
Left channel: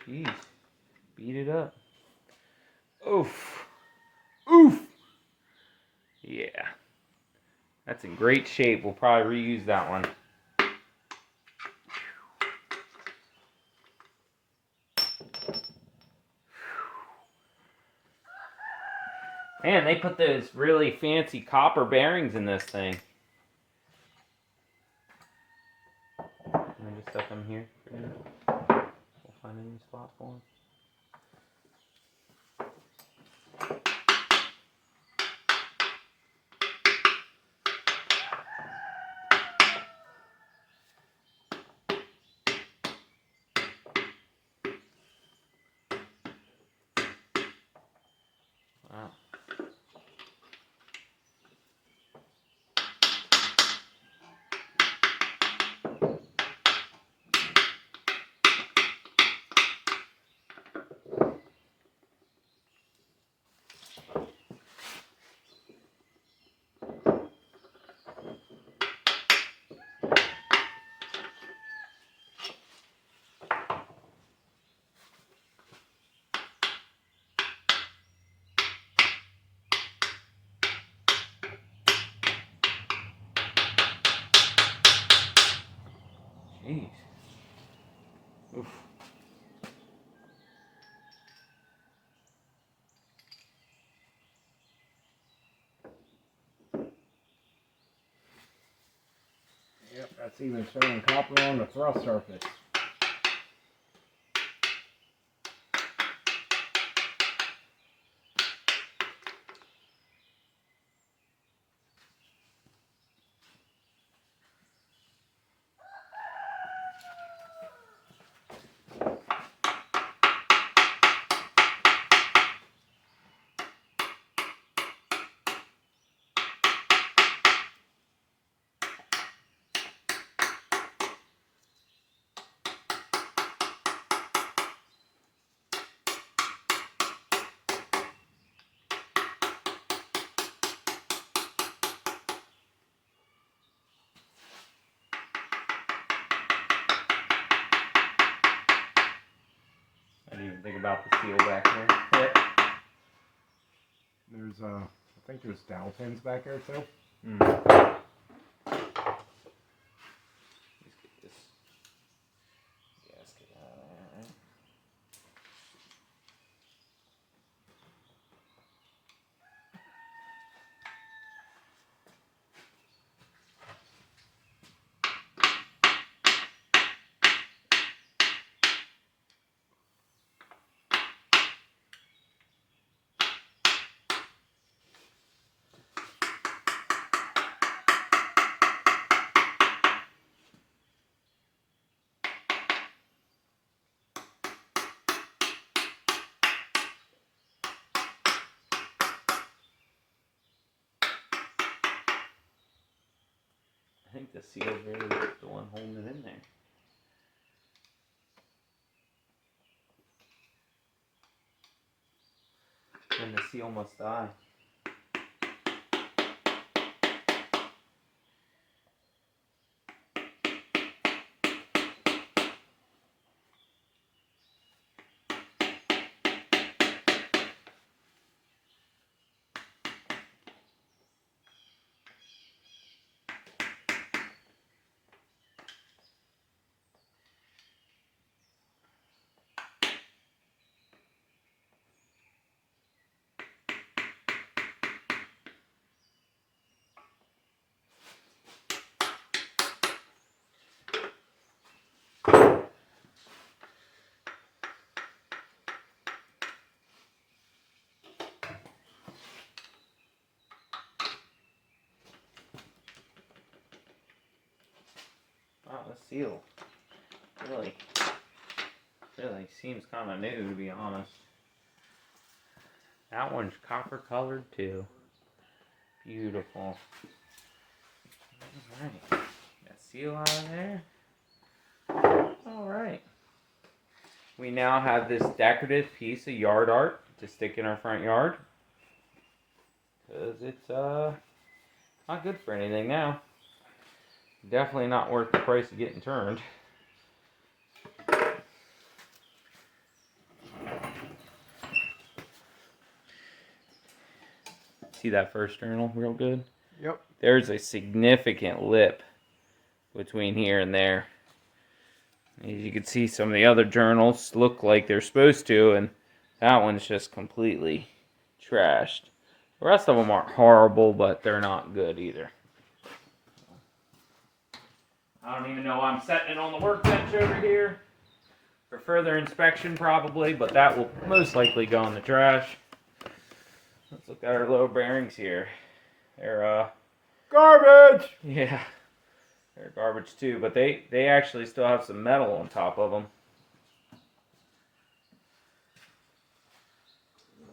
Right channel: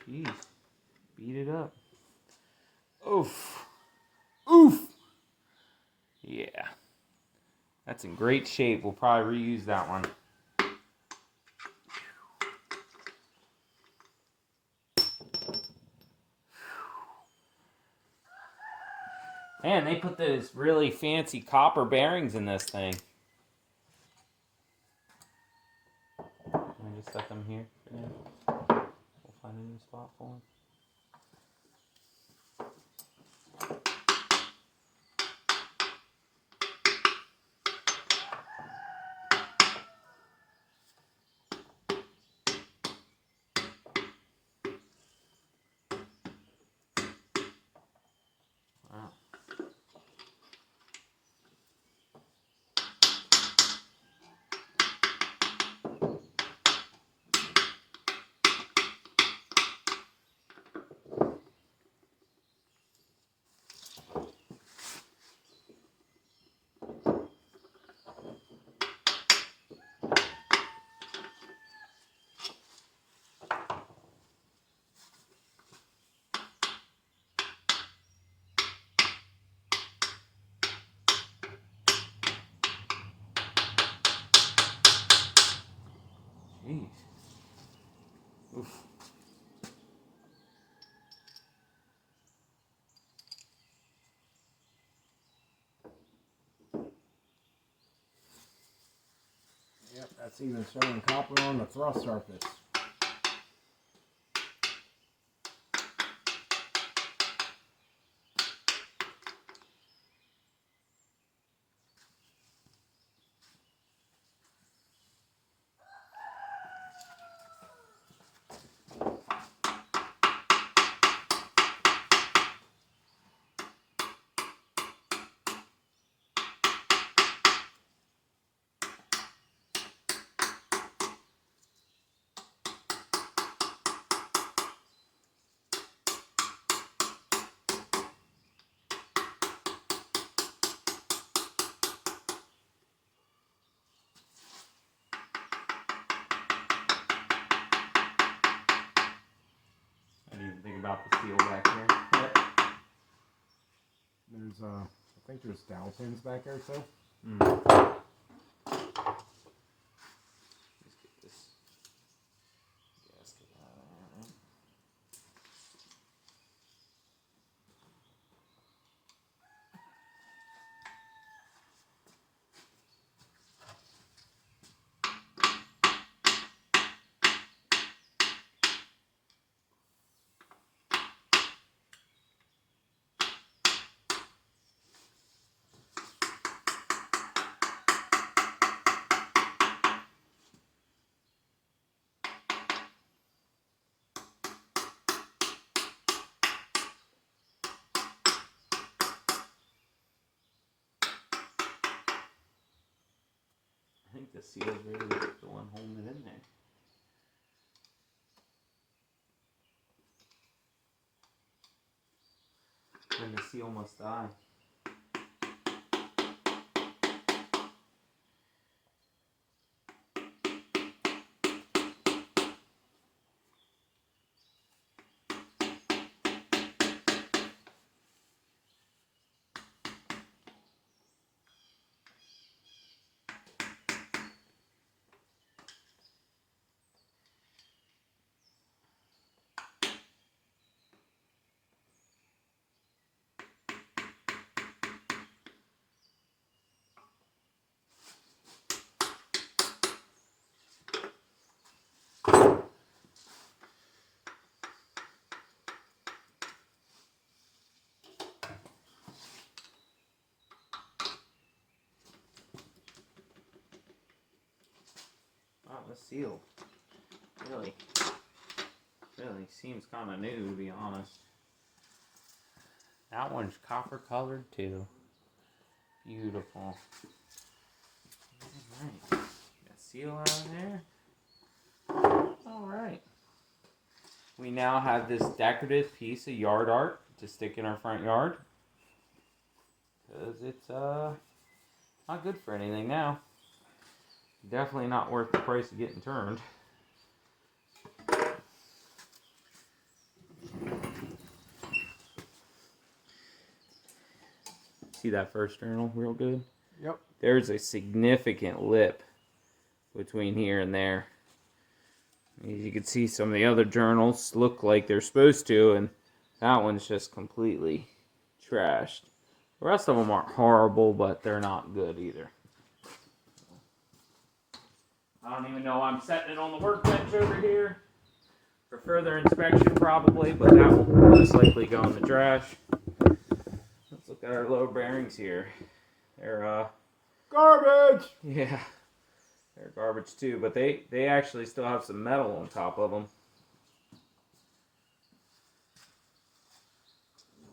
Jeez. Beat it up. Oof. Oof. Yeah. That's in great shape. We'll probably reuse that one. Man, they put those really fancy copper bearings in this thing. Let me just set them here for now. We'll find a new spot for them. Wow. Jeez. Oof. Yep, that's even showing copper on the thrust surface. I didn't even think about the seal back there. Yep. There's I think there's dowel pins back there too. Let's get this gasket out of there. think the seal's really the one holding it in there. And the seal must die. Wow, the seal really seems kind of new, to be honest. That one's copper colored too. Beautiful. Alright. Got seal out of there. Alright. We now have this decorative piece of yard art to stick in our front yard. Because it's not good for anything now. Definitely not worth the price of getting turned. See that first journal real good? Yep. There's a significant lip between here and there. As you can see, some of the other journals look like they're supposed to, and that one's just completely trashed. The rest of them aren't horrible, but they're not good either. I don't even know I'm setting it on the workbench over here for further inspection probably, but that will most likely go in the trash. Let's look at our low bearings here. They're Garbage! yeah, they're garbage too, but they actually still have some metal on top of them.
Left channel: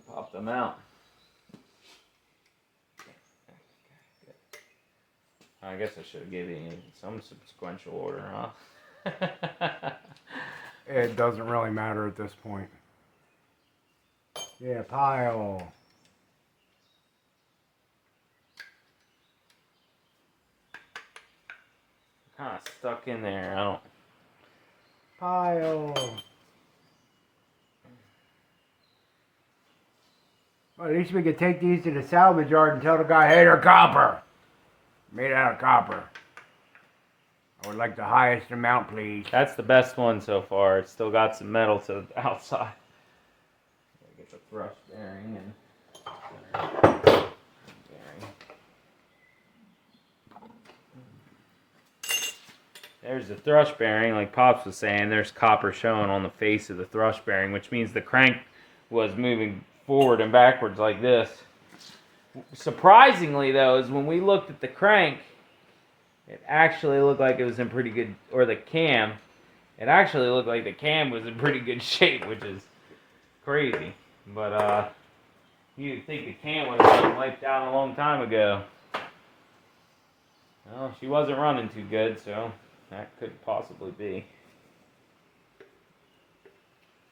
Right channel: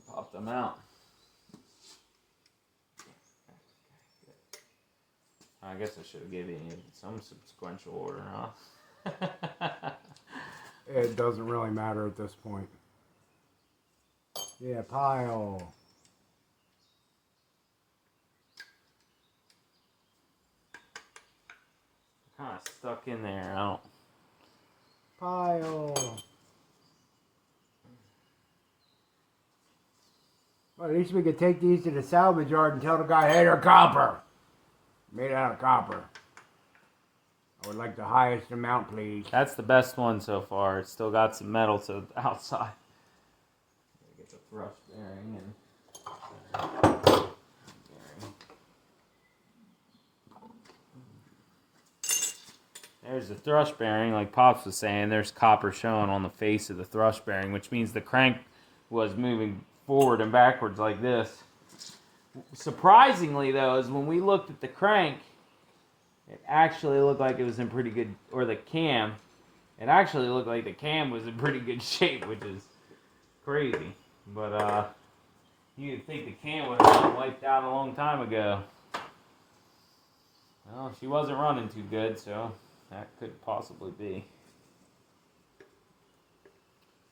Pop them out. I guess I should have given you some sequential order, huh? It doesn't really matter at this point. Yeah, pile. Kind of stuck in there. I don't. Pile. Well, at least we could take these to the salvage yard and tell the guy, hey, they're copper. Made out of copper. I would like the highest amount, please. That's the best one so far. It's still got some metal to the outside. Gotta get the thrust bearing and there's the thrust bearing. Like Pops was saying, there's copper showing on the face of the thrust bearing, which means the crank was moving forward and backwards like this. Surprisingly, though, is when we looked at the crank, it actually looked like it was in pretty good, or the cam, it actually looked like the cam was in pretty good shape, which is crazy. But you'd think the cam would have been wiped out a long time ago. Well, she wasn't running too good, so that could possibly be.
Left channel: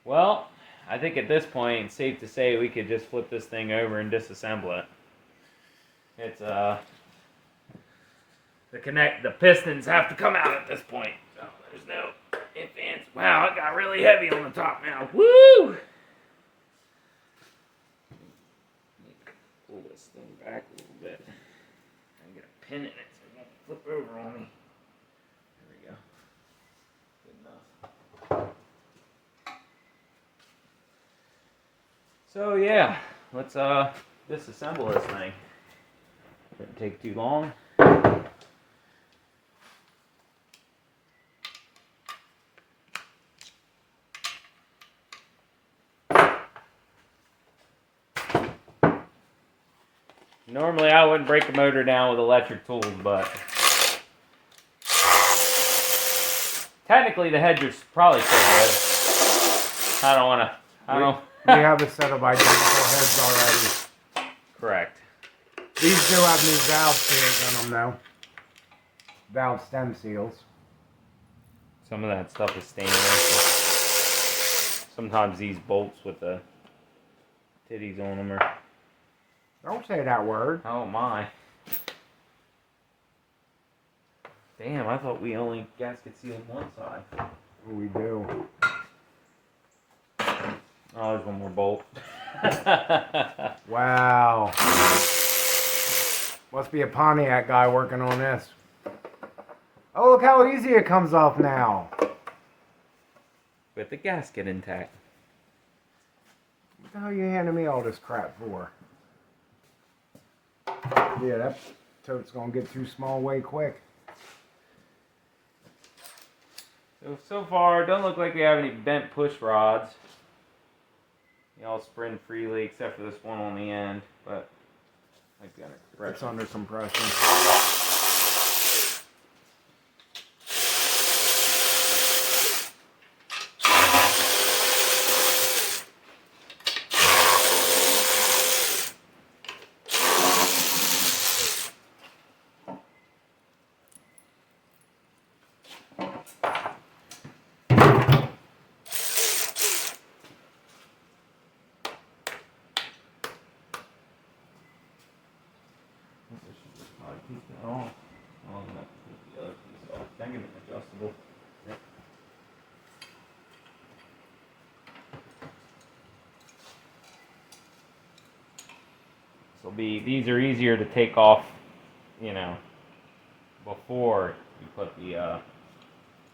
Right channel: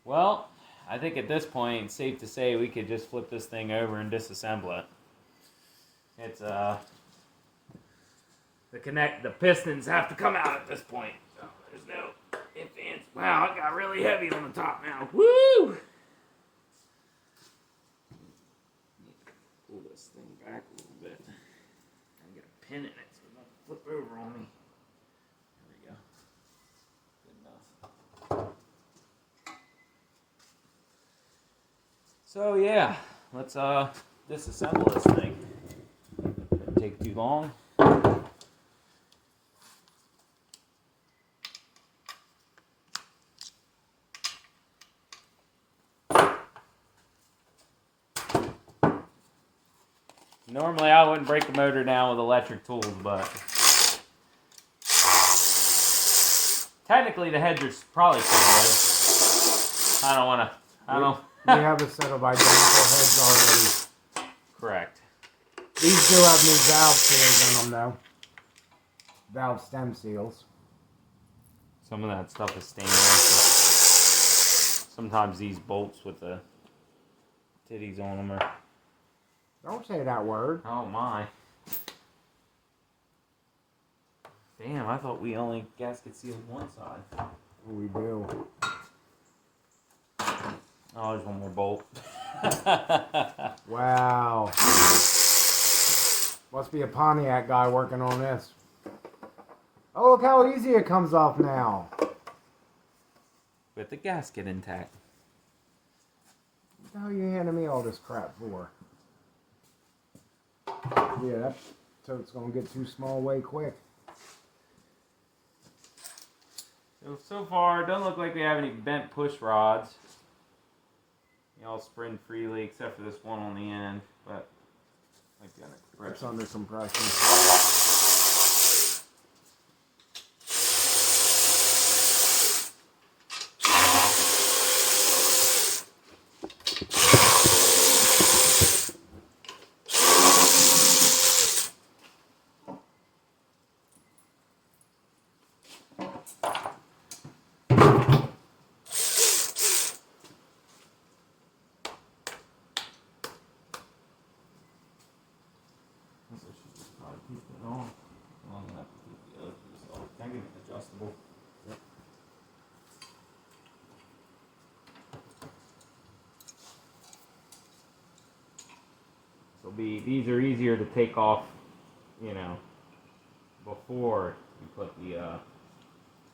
Well, I think at this point, it's safe to say we could just flip this thing over and disassemble it. It's the pistons have to come out at this point. So there's no ifs, ands. Wow, it got really heavy on the top now. Woo! Pull this thing back a little bit and get a pin in it so it won't flip over on me. There we go. Good enough. So yeah, let's disassemble this thing. Shouldn't take too long. Normally I wouldn't break a motor down with electric tools, but technically the heads are probably still good. I don't. We have a set of identical heads already. Correct. These do have new valve seals in them, though. valve stem seals. Some of that stuff is stainless. Sometimes these bolts with the titties on them are... Don't say that word. Oh my. Damn, I thought we only gasket sealed one side. We do. Oh, there's one more bolt. Wow. Must be a Pontiac guy working on this. Oh, look how easy it comes off now. With the gasket intact. What the hell are you handing me all this crap for? Yeah, that tote's gonna get too small way quick. So far, it doesn't look like we have any bent push rods. They all spin freely except for this one on the end, but might be under compression. It's under compression. Adjustable. Yep. These are easier to take off, you know, before you put the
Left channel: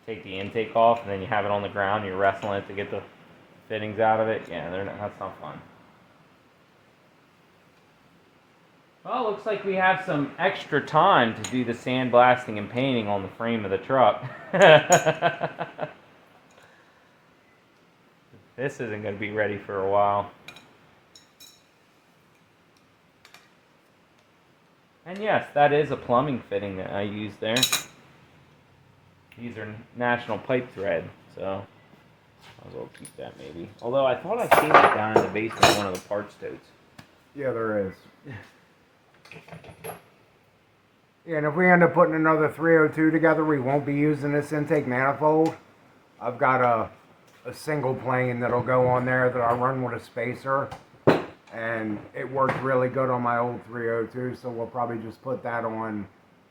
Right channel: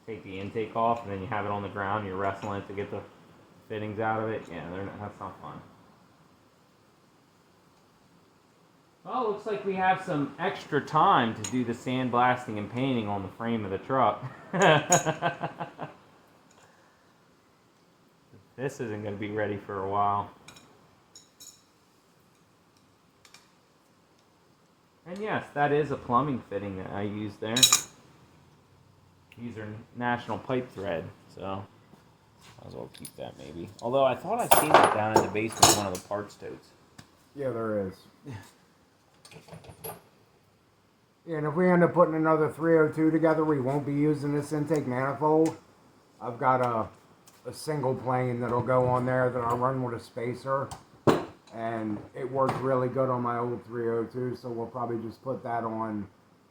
take the intake off, and then you have it on the ground. You're wrestling it to get the fittings out of it. Yeah, that's not fun. Well, looks like we have some extra time to do the sandblasting and painting on the frame of the truck. This isn't going to be ready for a while. And yes, that is a plumbing fitting that I used there. These are National Pipe Thread, so I'll go keep that maybe. Although I thought I seen that down in the basement of one of the parts totes. Yeah, there is. Yeah, and if we end up putting another 302 together, we won't be using this intake manifold. I've got a single plane that'll go on there that I run with a spacer. And it worked really good on my old 302, so we'll probably just put that on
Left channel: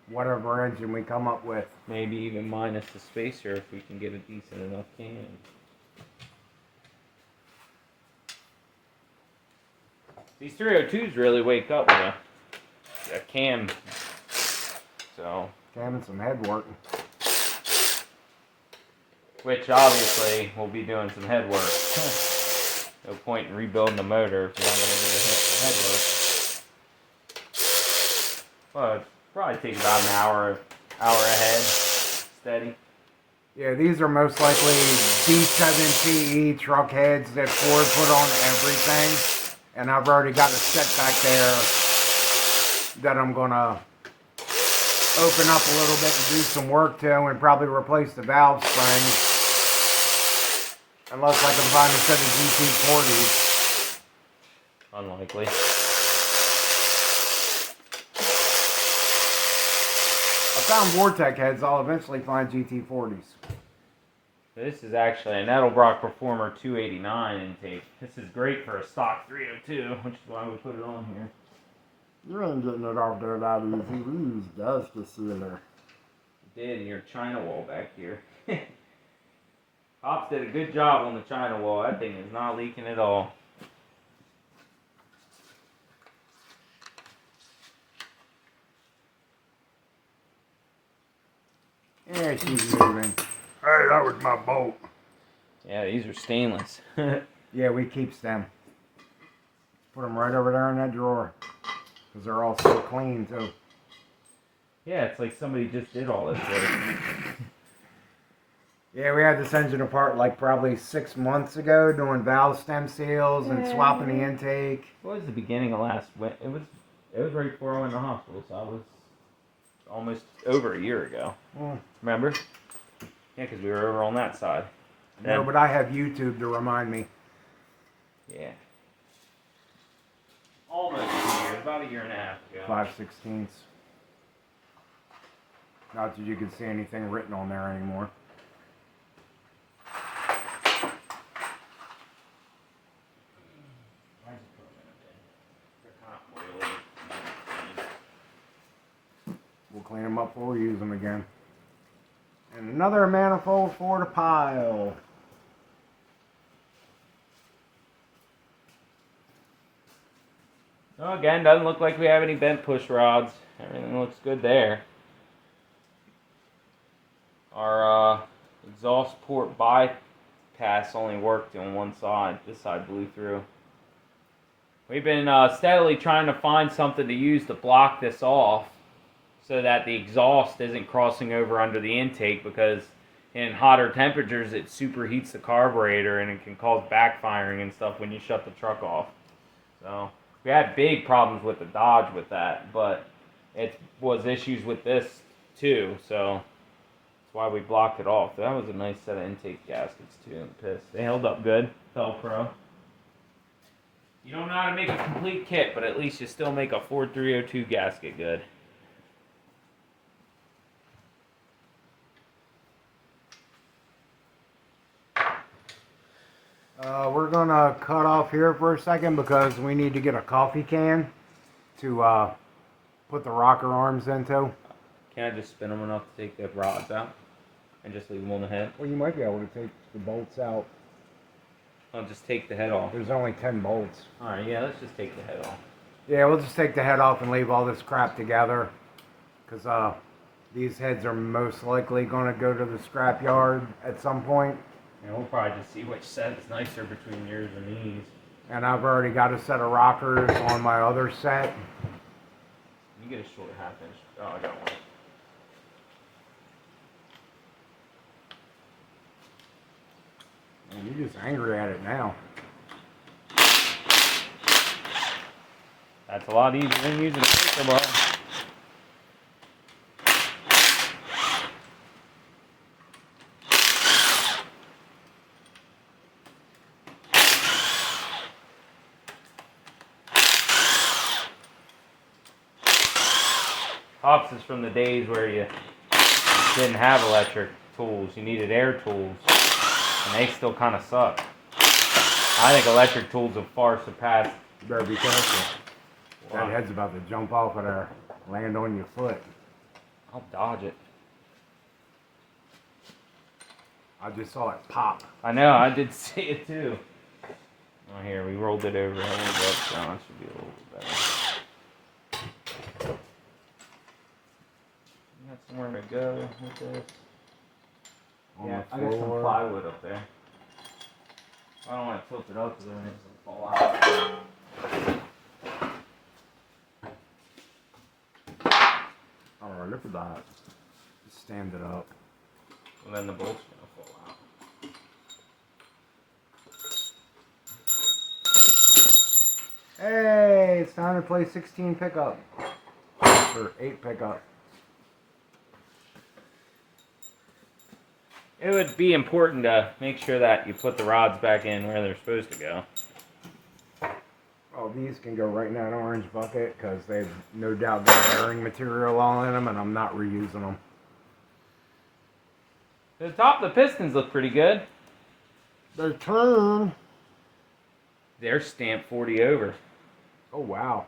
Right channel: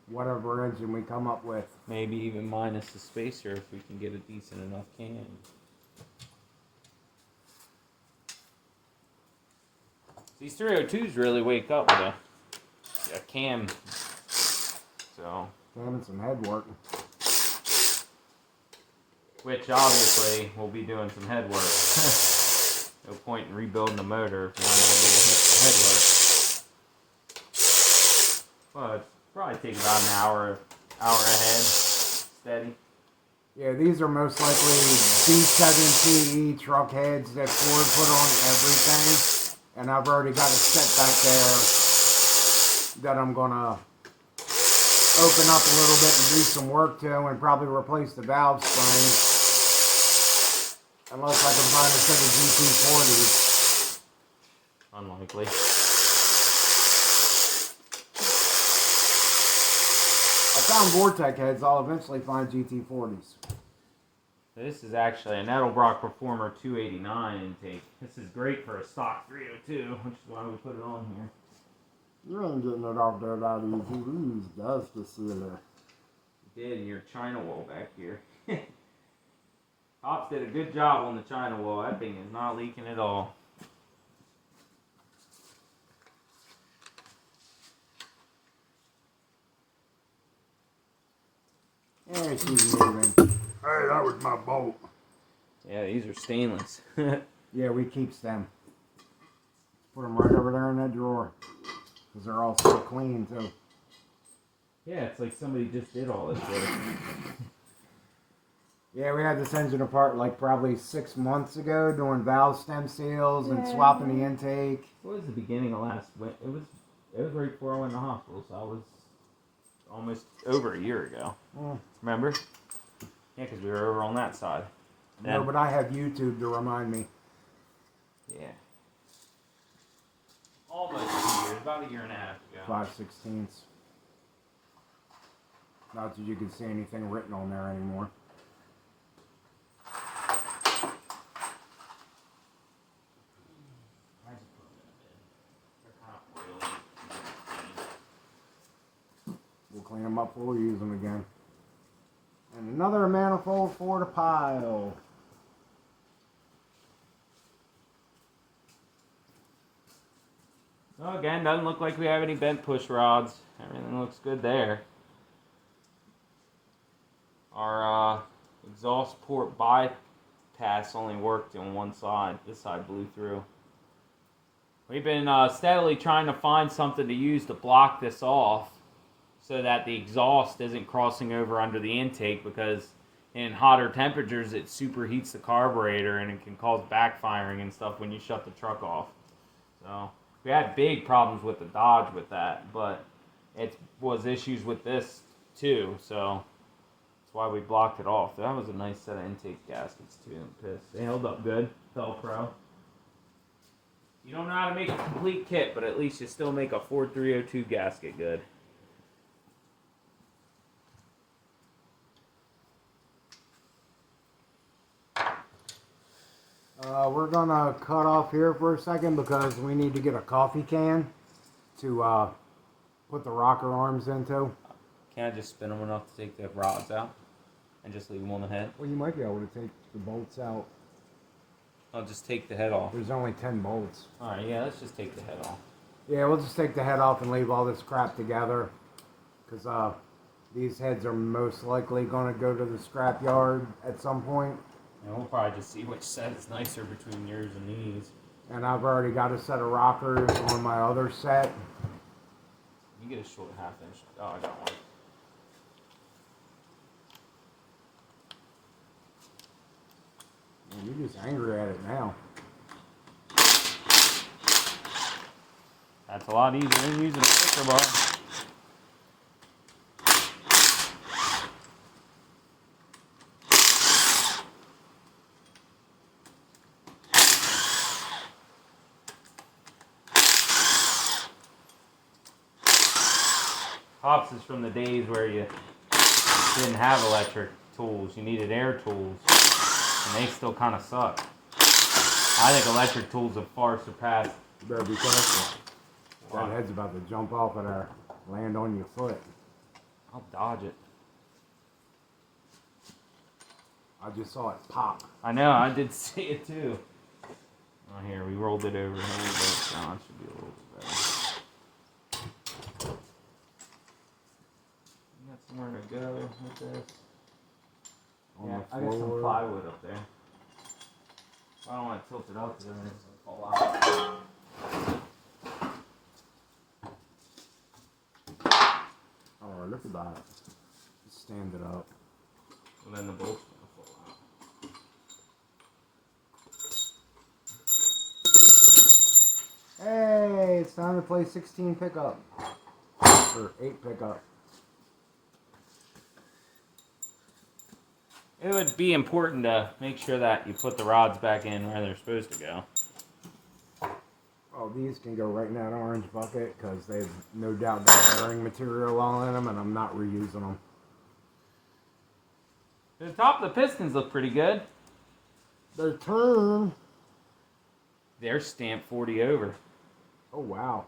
whatever engine we come up with. Maybe even minus the spacer if we can get a decent enough can. These 302s really wake up with a cam. So. Cam and some head work. Which obviously we'll be doing some head work. No point in rebuilding the motor if you're not going to do the head work. Well, it'd probably take about an hour ahead, steady. Yeah, these are most likely B7TE truck heads that Ford put on everything. And I've already got a set back there that I'm going to open up a little bit and do some work to and probably replace the valve springs. Unless I can find a set of GT40s. Unlikely. I found Vortec heads. I'll eventually find GT40s. This is actually an Edelbrock Performer 289 intake. This is great for a stock 302, which is why we put it on here. You ain't getting it off there that easy. We use gasket sealer. You did in your China wall back here. Pops did a good job on the China wall. That thing is not leaking at all. Yeah, she's moving. Hey, that was my bolt. Yeah, these are stainless. Yeah, we keep them. Put them right over there in that drawer. Because they're all so clean, too. Yeah, it's like somebody just did all this work. Yeah, we had this engine apart like probably 6 months ago, doing valve stem seals and swapping the intake. It was the beginning of last winter. It was right before I went to the hospital, so I was almost over a year ago. Remember? Yeah, because we were over on that side. No, but I have YouTube to remind me. Yeah. Almost a year, about a year and a half ago. 5/16. Not that you can see anything written on there anymore. We'll clean them up before we use them again. And another manifold for the pile. Well, again, doesn't look like we have any bent push rods. Everything looks good there. Our exhaust port bypass only worked on one side. This side blew through. We've been steadily trying to find something to use to block this off so that the exhaust isn't crossing over under the intake, because in hotter temperatures it superheats the carburetor and it can cause backfiring and stuff when you shut the truck off. So we had big problems with the Dodge with that, but it was issues with this too, so that's why we blocked it off. That was a nice set of intake gaskets too in the piss. They held up good. Velcro. You don't know how to make a complete kit, but at least you still make a Ford 302 gasket good. We're gonna cut off here for a second because we need to get a coffee can to put the rocker arms into. Can I just spin them enough to take the rods out and just leave them on the head? Well, you might be able to take the bolts out. I'll just take the head off. There's only 10 bolts. Alright, yeah, let's just take the head off. Yeah, we'll just take the head off and leave all this crap together, because these heads are most likely going to go to the scrapyard at some point. And we'll probably just see which set is nicer between yours and these. And I've already got a set of rockers on my other set. You get a short half-inch. Oh, I got one. Man, you're just angry at it now. That's a lot easier than using a paper bar. Pops is from the days where you didn't have electric tools. You needed air tools. And they still kind of suck. I think electric tools have far surpassed. You better be careful. Wow. That head's about to jump off of there, land on your foot. I'll dodge it. I just saw it pop. I know, I did see it too. Oh, here, we rolled it over. Hold it up down. Should be a little bit better. You got somewhere to go with this? Yeah, I got some plywood up there. I don't want to tilt it up because then it's going to fall out. Alright, look at that. Just stand it up. Well, then the bolt's going to fall out. Hey, it's time to play 16 pickup. Or 8 pickup. It would be important to make sure that you put the rods back in where they're supposed to go. Oh, these can go right in that orange bucket because they've no doubt got bearing material all in them, and I'm not reusing them. The top of the pistons look pretty good. They turn. They're stamped 40 over. Oh, wow.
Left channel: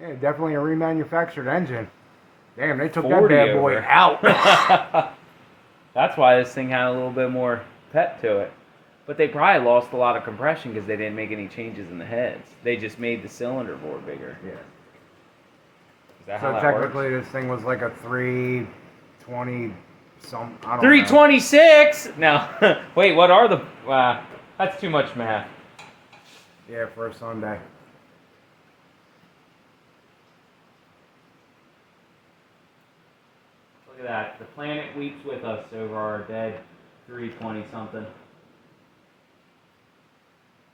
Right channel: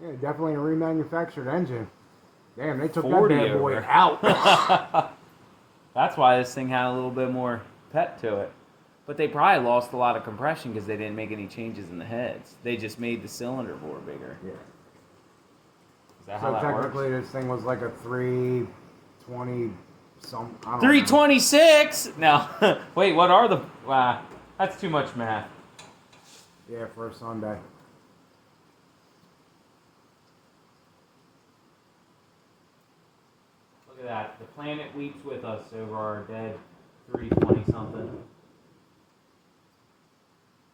Yeah, definitely a remanufactured engine. Damn, they took that 40 bad boy over. out. That's why this thing had a little bit more pep to it. But they probably lost a lot of compression because they didn't make any changes in the heads. They just made the cylinder bore bigger. Yeah. Is that So how that technically works? this thing was like a 320 some, I don't 326? No. Wait, what are the... that's too much math. know. Yeah, for a Sunday. Look at that. The planet weeps with us over our dead 320 something.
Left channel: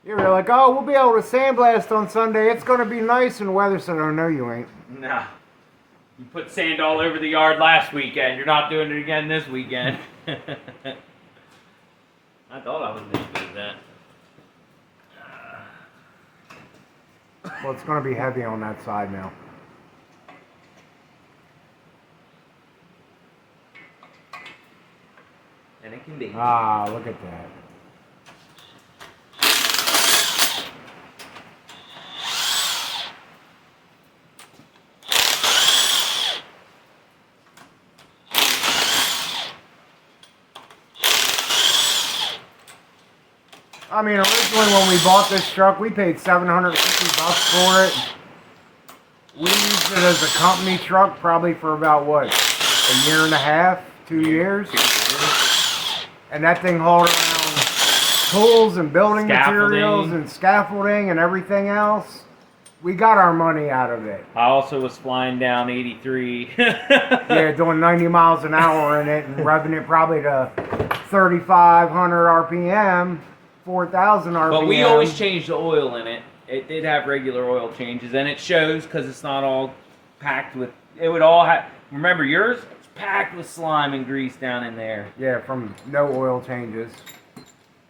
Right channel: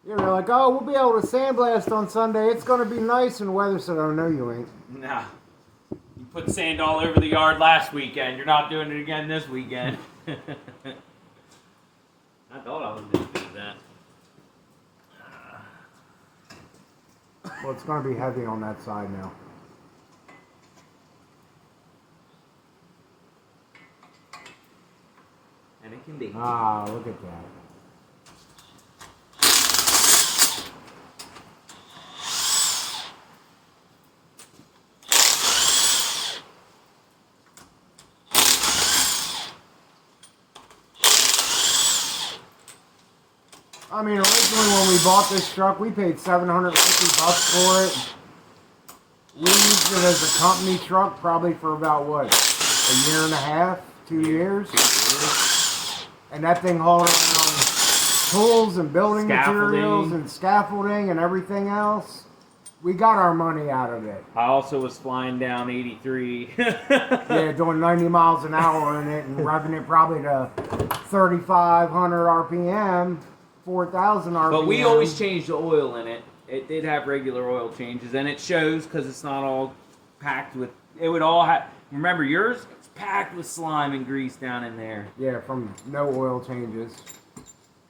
You were like, oh, we'll be able to sandblast on Sunday. It's going to be nice and weather. Said, oh, no, you ain't. Nah. You put sand all over the yard last weekend. You're not doing it again this weekend. I thought I was going to do that. Well, it's going to be heavy on that side now. And it can be. Ah, look at that. I mean, originally when we bought this truck, we paid $750 for it. We used it as a company truck probably for about, what, a year and a half, 2 years? And that thing hauled around tools and building materials and scaffolding and everything else. We got our money out of it. I also was flying down 83. Yeah, doing 90 miles an hour in it and revving it probably to 3,500 RPM. 4,000 RPM. But we always changed the oil in it. It did have regular oil changes, and it shows because it's not all packed with. It would all have. Remember yours? It's packed with slime and grease down in there. Yeah, from no oil changes.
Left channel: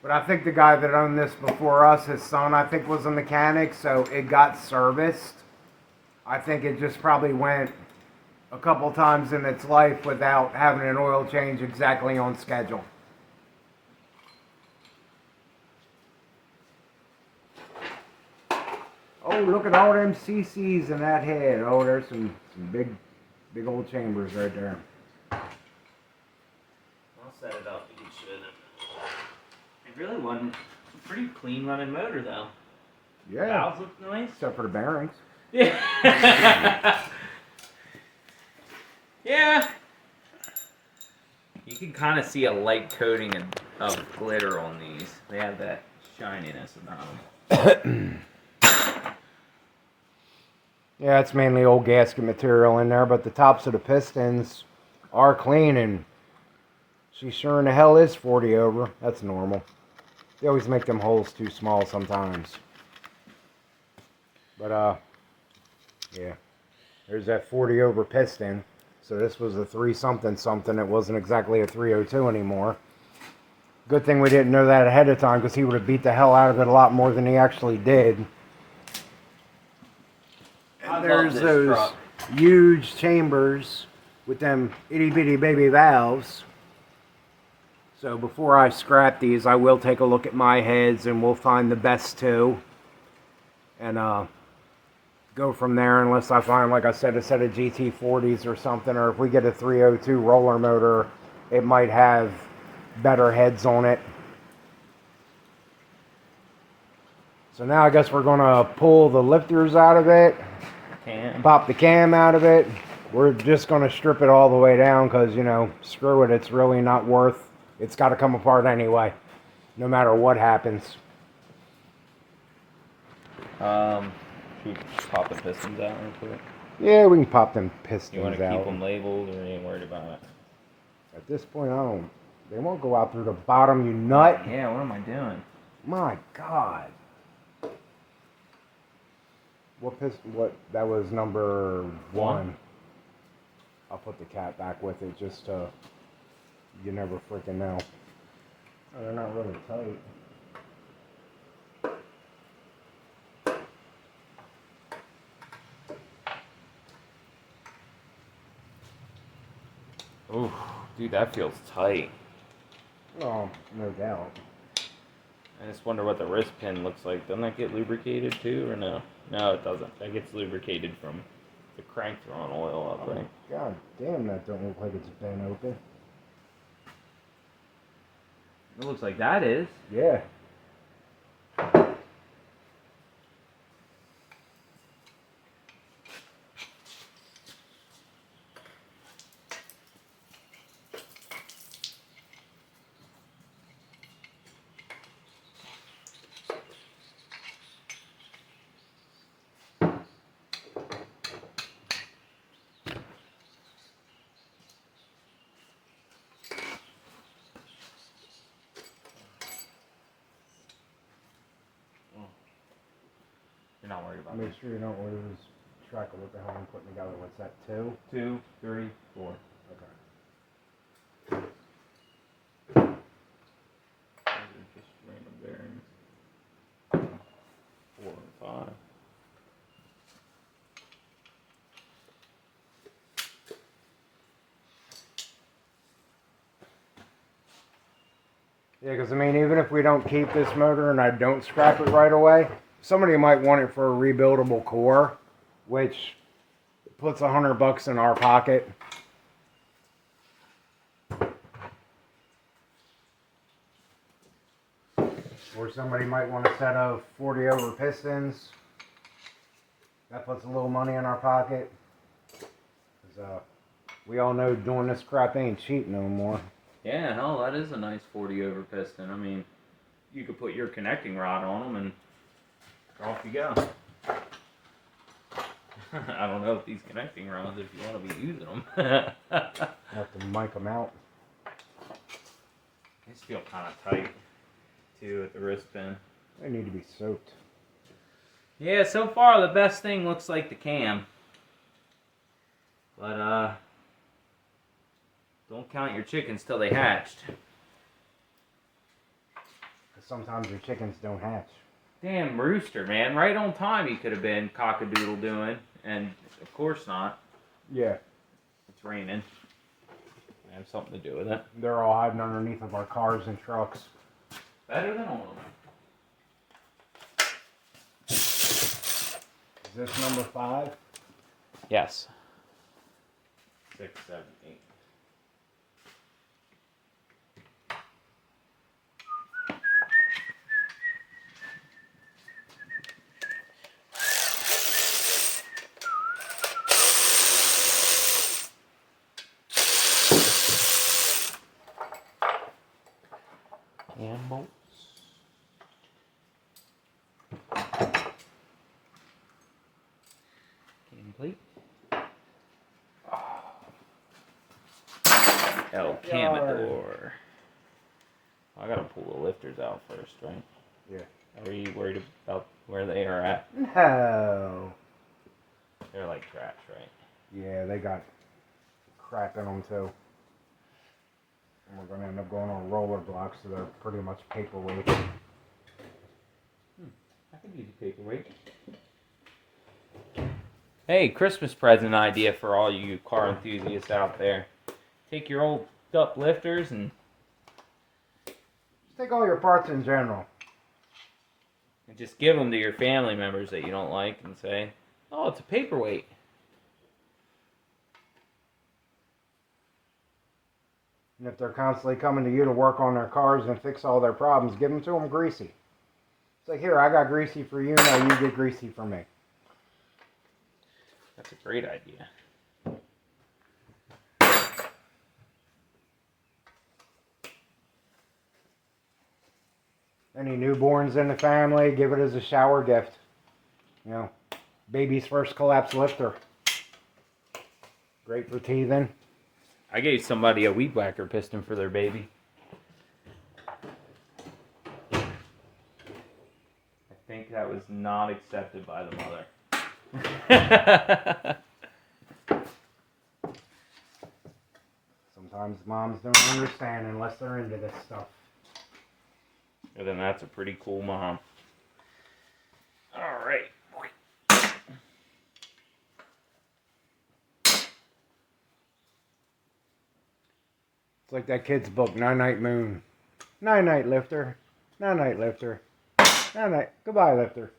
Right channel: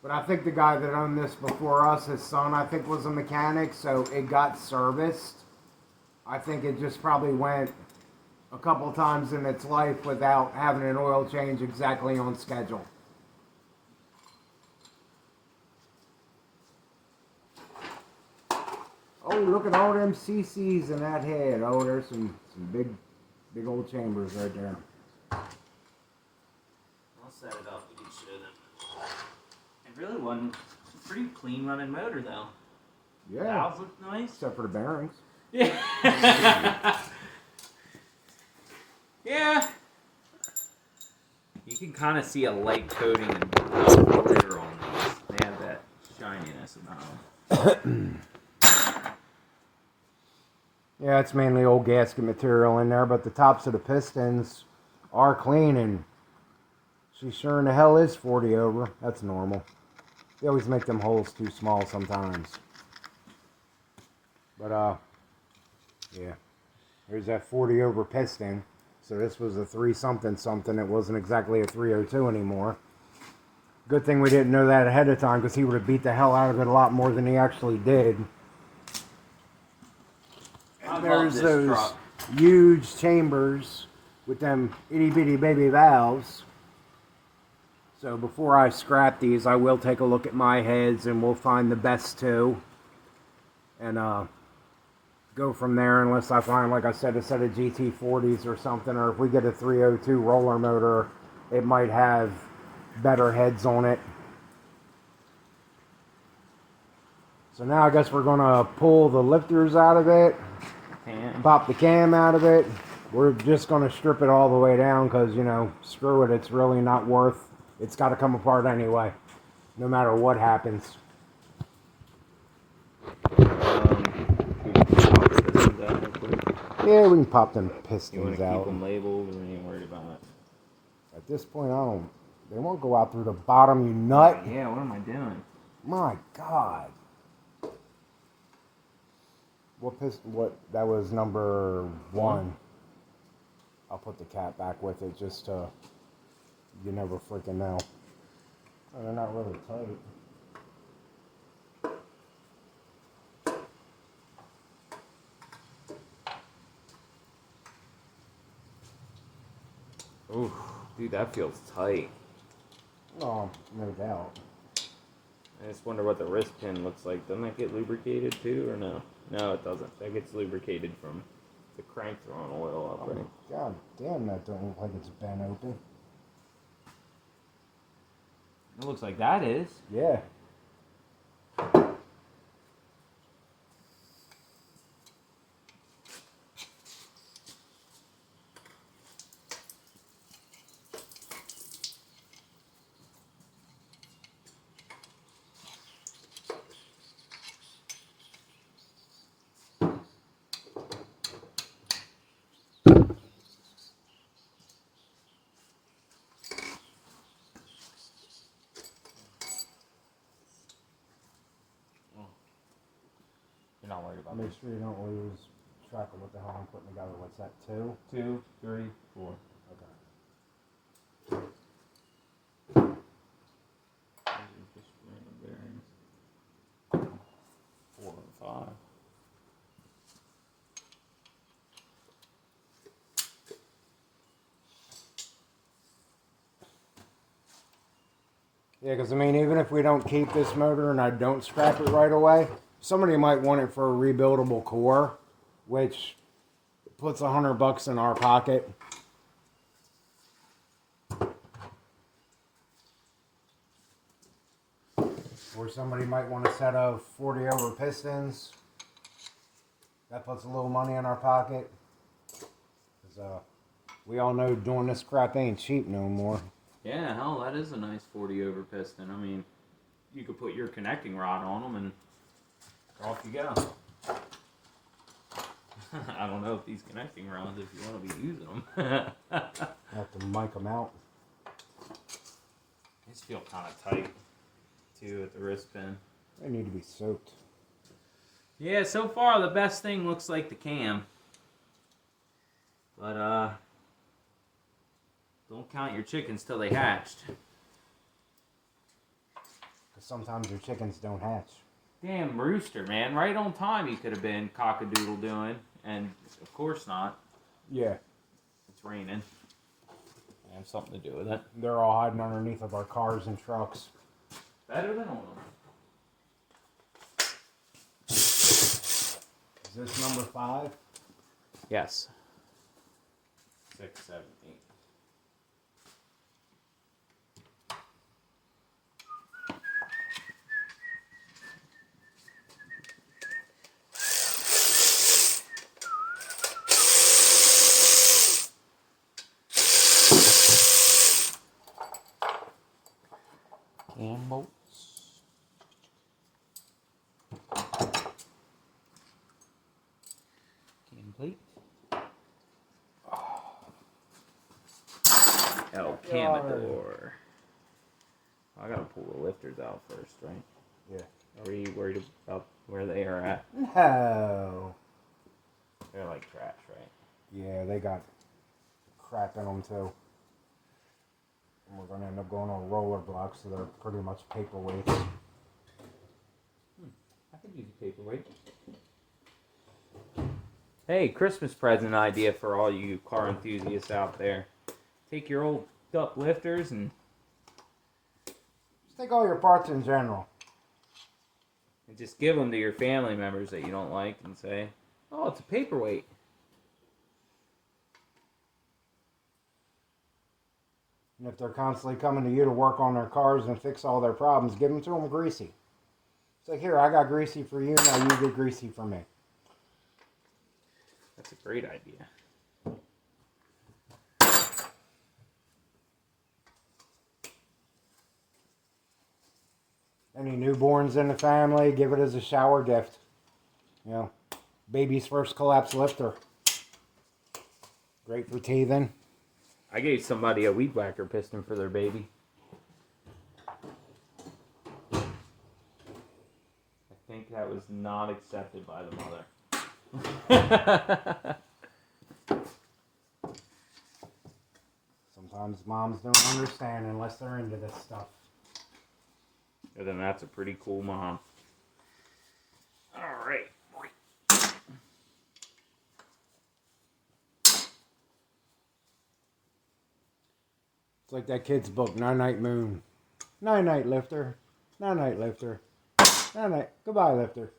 But I think the guy that owned this before us, his son, I think was a mechanic, so it got serviced. I think it just probably went a couple times in its life without having an oil change exactly on schedule. Oh, look at all them CCs in that head. Oh, there's some big old chambers right there. I'll set it up. You should. It really wasn't a pretty clean running motor, though. Yeah. Valves look nice. Except for the bearings. Yeah. Yeah. You can kind of see a light coating of glitter on these. They have that shininess about them. Yeah, it's mainly old gasket material in there, but the tops of the pistons are clean, and she sure in the hell is 40 over. That's normal. They always make them holes too small sometimes. But, yeah. There's that 40 over piston. So this was a 3 something something. It wasn't exactly a 302 anymore. Good thing we didn't know that ahead of time, because he would have beat the hell out of it a lot more than he actually did. There's those huge chambers with them itty bitty baby valves. So before I scrap these, I will take a look at my heads and we'll find the best two. And go from there, unless I find, like I said, a set of GT40s or something. Or if we get a 302 roller motor, it might have better heads on it. So now I guess we're going to pull the lifters out of it. Pop the cam out of it. We're just going to strip it all the way down because, you know, screw it. It's really not worth. It's got to come apart anyway, no matter what happens. Pop the pistons out. Yeah, we can pop them You pistons want to out. keep them labeled, or you ain't worried about it? At this point, I don't. They won't go out through the bottom, you nut. Yeah, what am I doing? My God. What piston? What? That was number 1. I'll put the cap back with it just to. You never freaking know. Oh, they're not really tight. Ooh, dude, that feels tight. Oh, no doubt. I just wonder what the wrist pin looks like. Doesn't that get lubricated too, or no? No, it doesn't. That gets lubricated from the crank throwing oil up, right? God damn, that don't look like it's bent open. It looks like that is. Yeah. You're not worried about it. Make sure you don't lose track of what the hell I'm putting together. What's that, 2? 2, 3, 4. Okay. Those are just random bearings. 4 and 5. Yeah, because I mean, even if we don't keep this motor and I don't scrap it right away, somebody might want it for a rebuildable core, which puts $100 in our pocket. Or somebody might want a set of 40 over pistons. That puts a little money in our pocket. 'Cause, we all know doing this crap ain't cheap no more. Yeah, hell, that is a nice 40 over piston. I mean, you could put your connecting rod on them and off you go. I don't know if these connecting rods, if you want to be using them. Have to mic them out. These feel kind of tight, too, at the wrist pin. They need to be soaked. Yeah, so far the best thing looks like the cam. But, don't count your chickens till they hatched. Because sometimes your chickens don't hatch. Damn rooster, man. Right on time he could have been cock-a-doodle doing. And, of course not. Yeah. It's raining. I have something to do with it. They're all hiding underneath of our cars and trucks. Better than all of them. Is this number 5? Yes. 6, 7, 8. Cam bolts. Cam plate. El Camador. I gotta pull the lifters out first, right? Yeah. Are you worried about where they are at? No. They're like trash, right? Yeah, they got crap in them too. And we're going to end up going on roller blocks, so they're pretty much paperweight. I could use a paperweight. Hey, Christmas present idea for all you car enthusiasts out there. Take your old up lifters and Just take all your parts in general. just give them to your family members that you don't like and say, oh, it's a paperweight. And if they're constantly coming to you to work on their cars and fix all their problems, give them to them greasy. It's like, here, I got greasy for you, now you get greasy for me. That's a great idea. Any newborns in the family, give it as a shower gift. You know, baby's first collapse lifter. Great for teething. I gave somebody a weed whacker piston for their baby. I think that was not accepted by the mother. Sometimes moms don't understand unless they're into this stuff. And then that's a pretty cool mom. All right. It's like that kid's book, Night Moon. Night lifter. Night lifter. Night. Goodbye, lifter.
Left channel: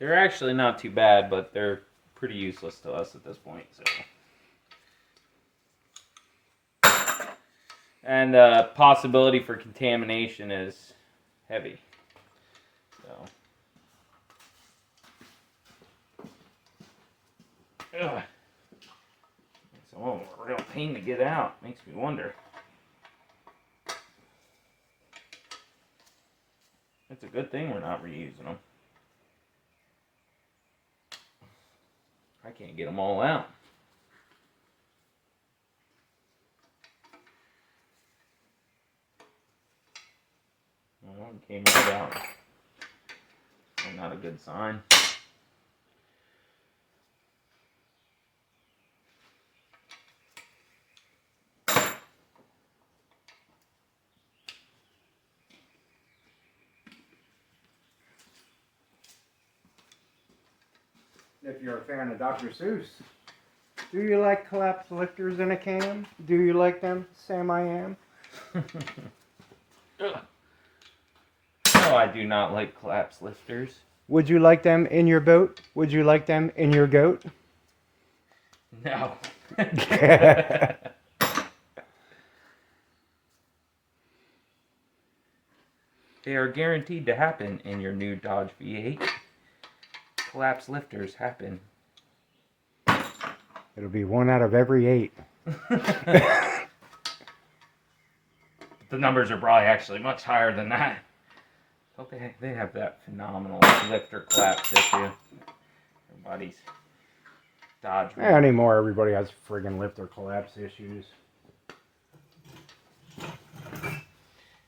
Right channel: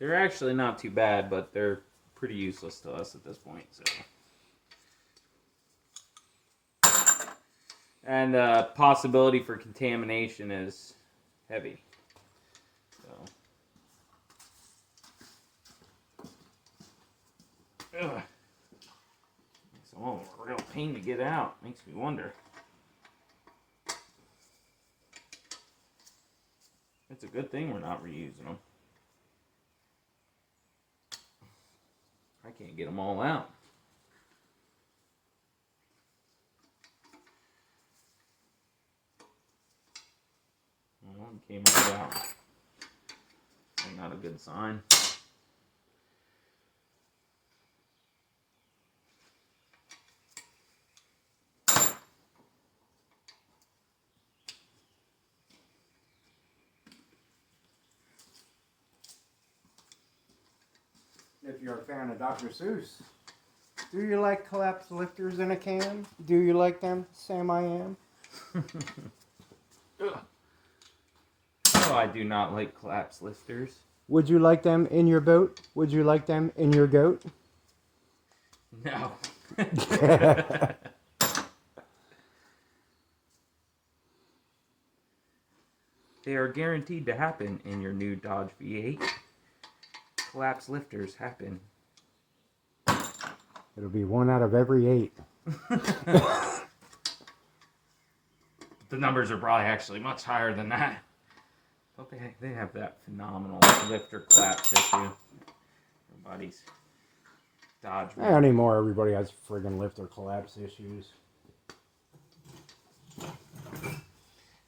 They're actually not too bad, but they're pretty useless to us at this point. So, and possibility for contamination is heavy. So, ugh. It's a real pain to get out. Makes me wonder. It's a good thing we're not reusing them. I can't get them all out. Well, one came right out. That's not a good sign. If you're a fan of Dr. Seuss. Do you like collapse lifters in a cam? Do you like them? Sam, I am. No, I do not like collapse lifters. Would you like them in your boat? Would you like them in your goat? No. They are guaranteed to happen in your new Dodge V8. Collapse lifters happen. It'll be 1 out of every 8. The numbers are probably actually much higher than that. Don't they have that phenomenal lifter collapse issue? Everybody's Dodge. Yeah, anymore, everybody has friggin' lifter collapse issues.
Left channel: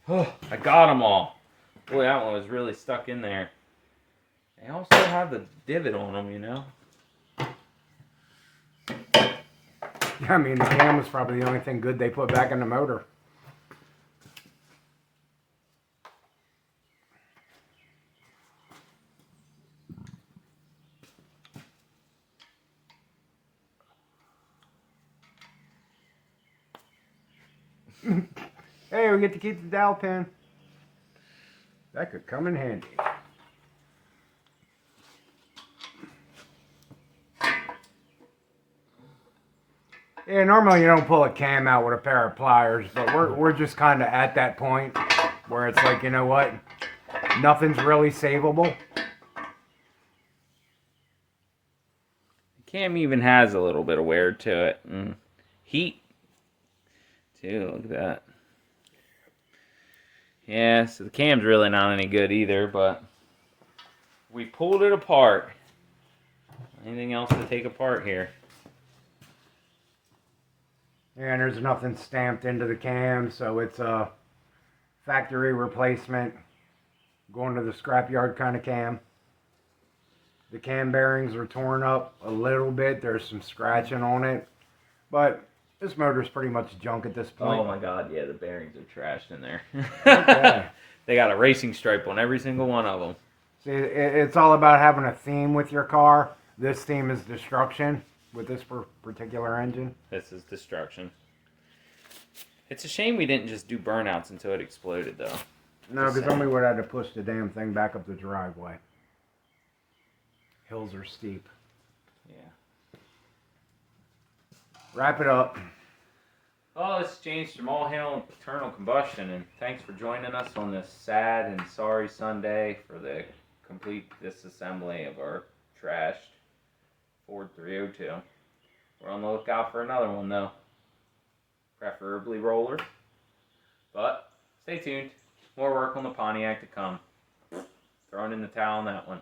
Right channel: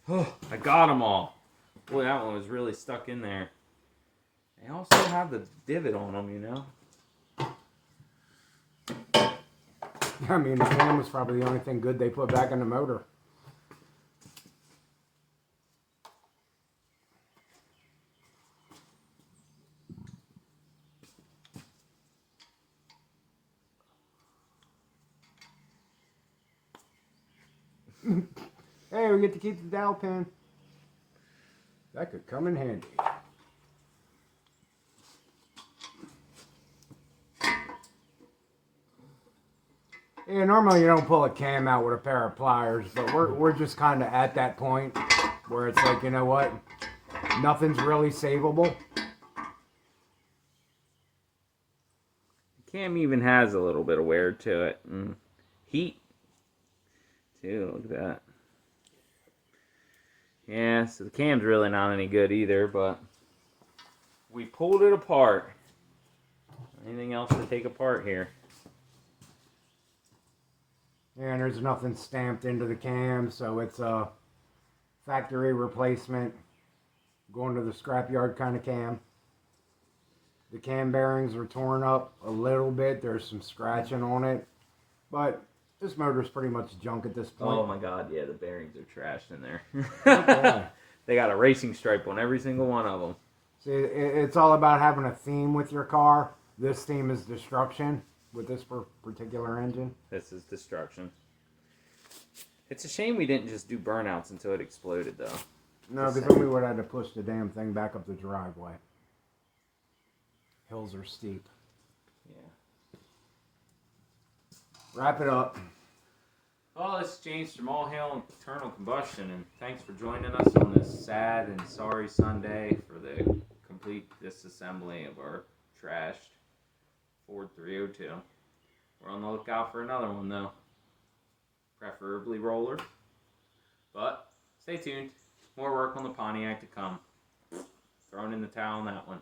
Oh, I got them all. Boy, that one was really stuck in there. They also have the divot on them, you know? I mean, the cam was probably the only thing good they put back in the motor. Hey, we get to keep the dowel pin. That could come in handy. Yeah, normally you don't pull a cam out with a pair of pliers, but we're just kind of at that point where it's like, you know what? Nothing's really savable. The cam even has a little bit of wear to it. And heat, too. Look at that. Yeah, so the cam's really not any good either, but we pulled it apart. Anything else to take apart here? Yeah, and there's nothing stamped into the cam, so it's a factory replacement. Going to the scrapyard kind of cam. The cam bearings are torn up a little bit. There's some scratching on it. But this motor's pretty much junk at this point. Oh my god, yeah, the bearings are trashed in there. Okay. They got a racing stripe on every single one of them. See, it's all about having a theme with your car. This theme is destruction with this particular engine. This is destruction. It's a shame we didn't just do burnouts until it exploded, though. No, because then we would have had to push the damn thing back up the driveway. Hills are steep. Yeah. Wrap it up. Well, it's James from All Hail Eternal Combustion, and thanks for joining us on this sad and sorry Sunday for the complete disassembly of our trashed Ford 302. We're on the lookout for another one, though. Preferably roller. But stay tuned. More work on the Pontiac to come. Throwing in the towel on that one.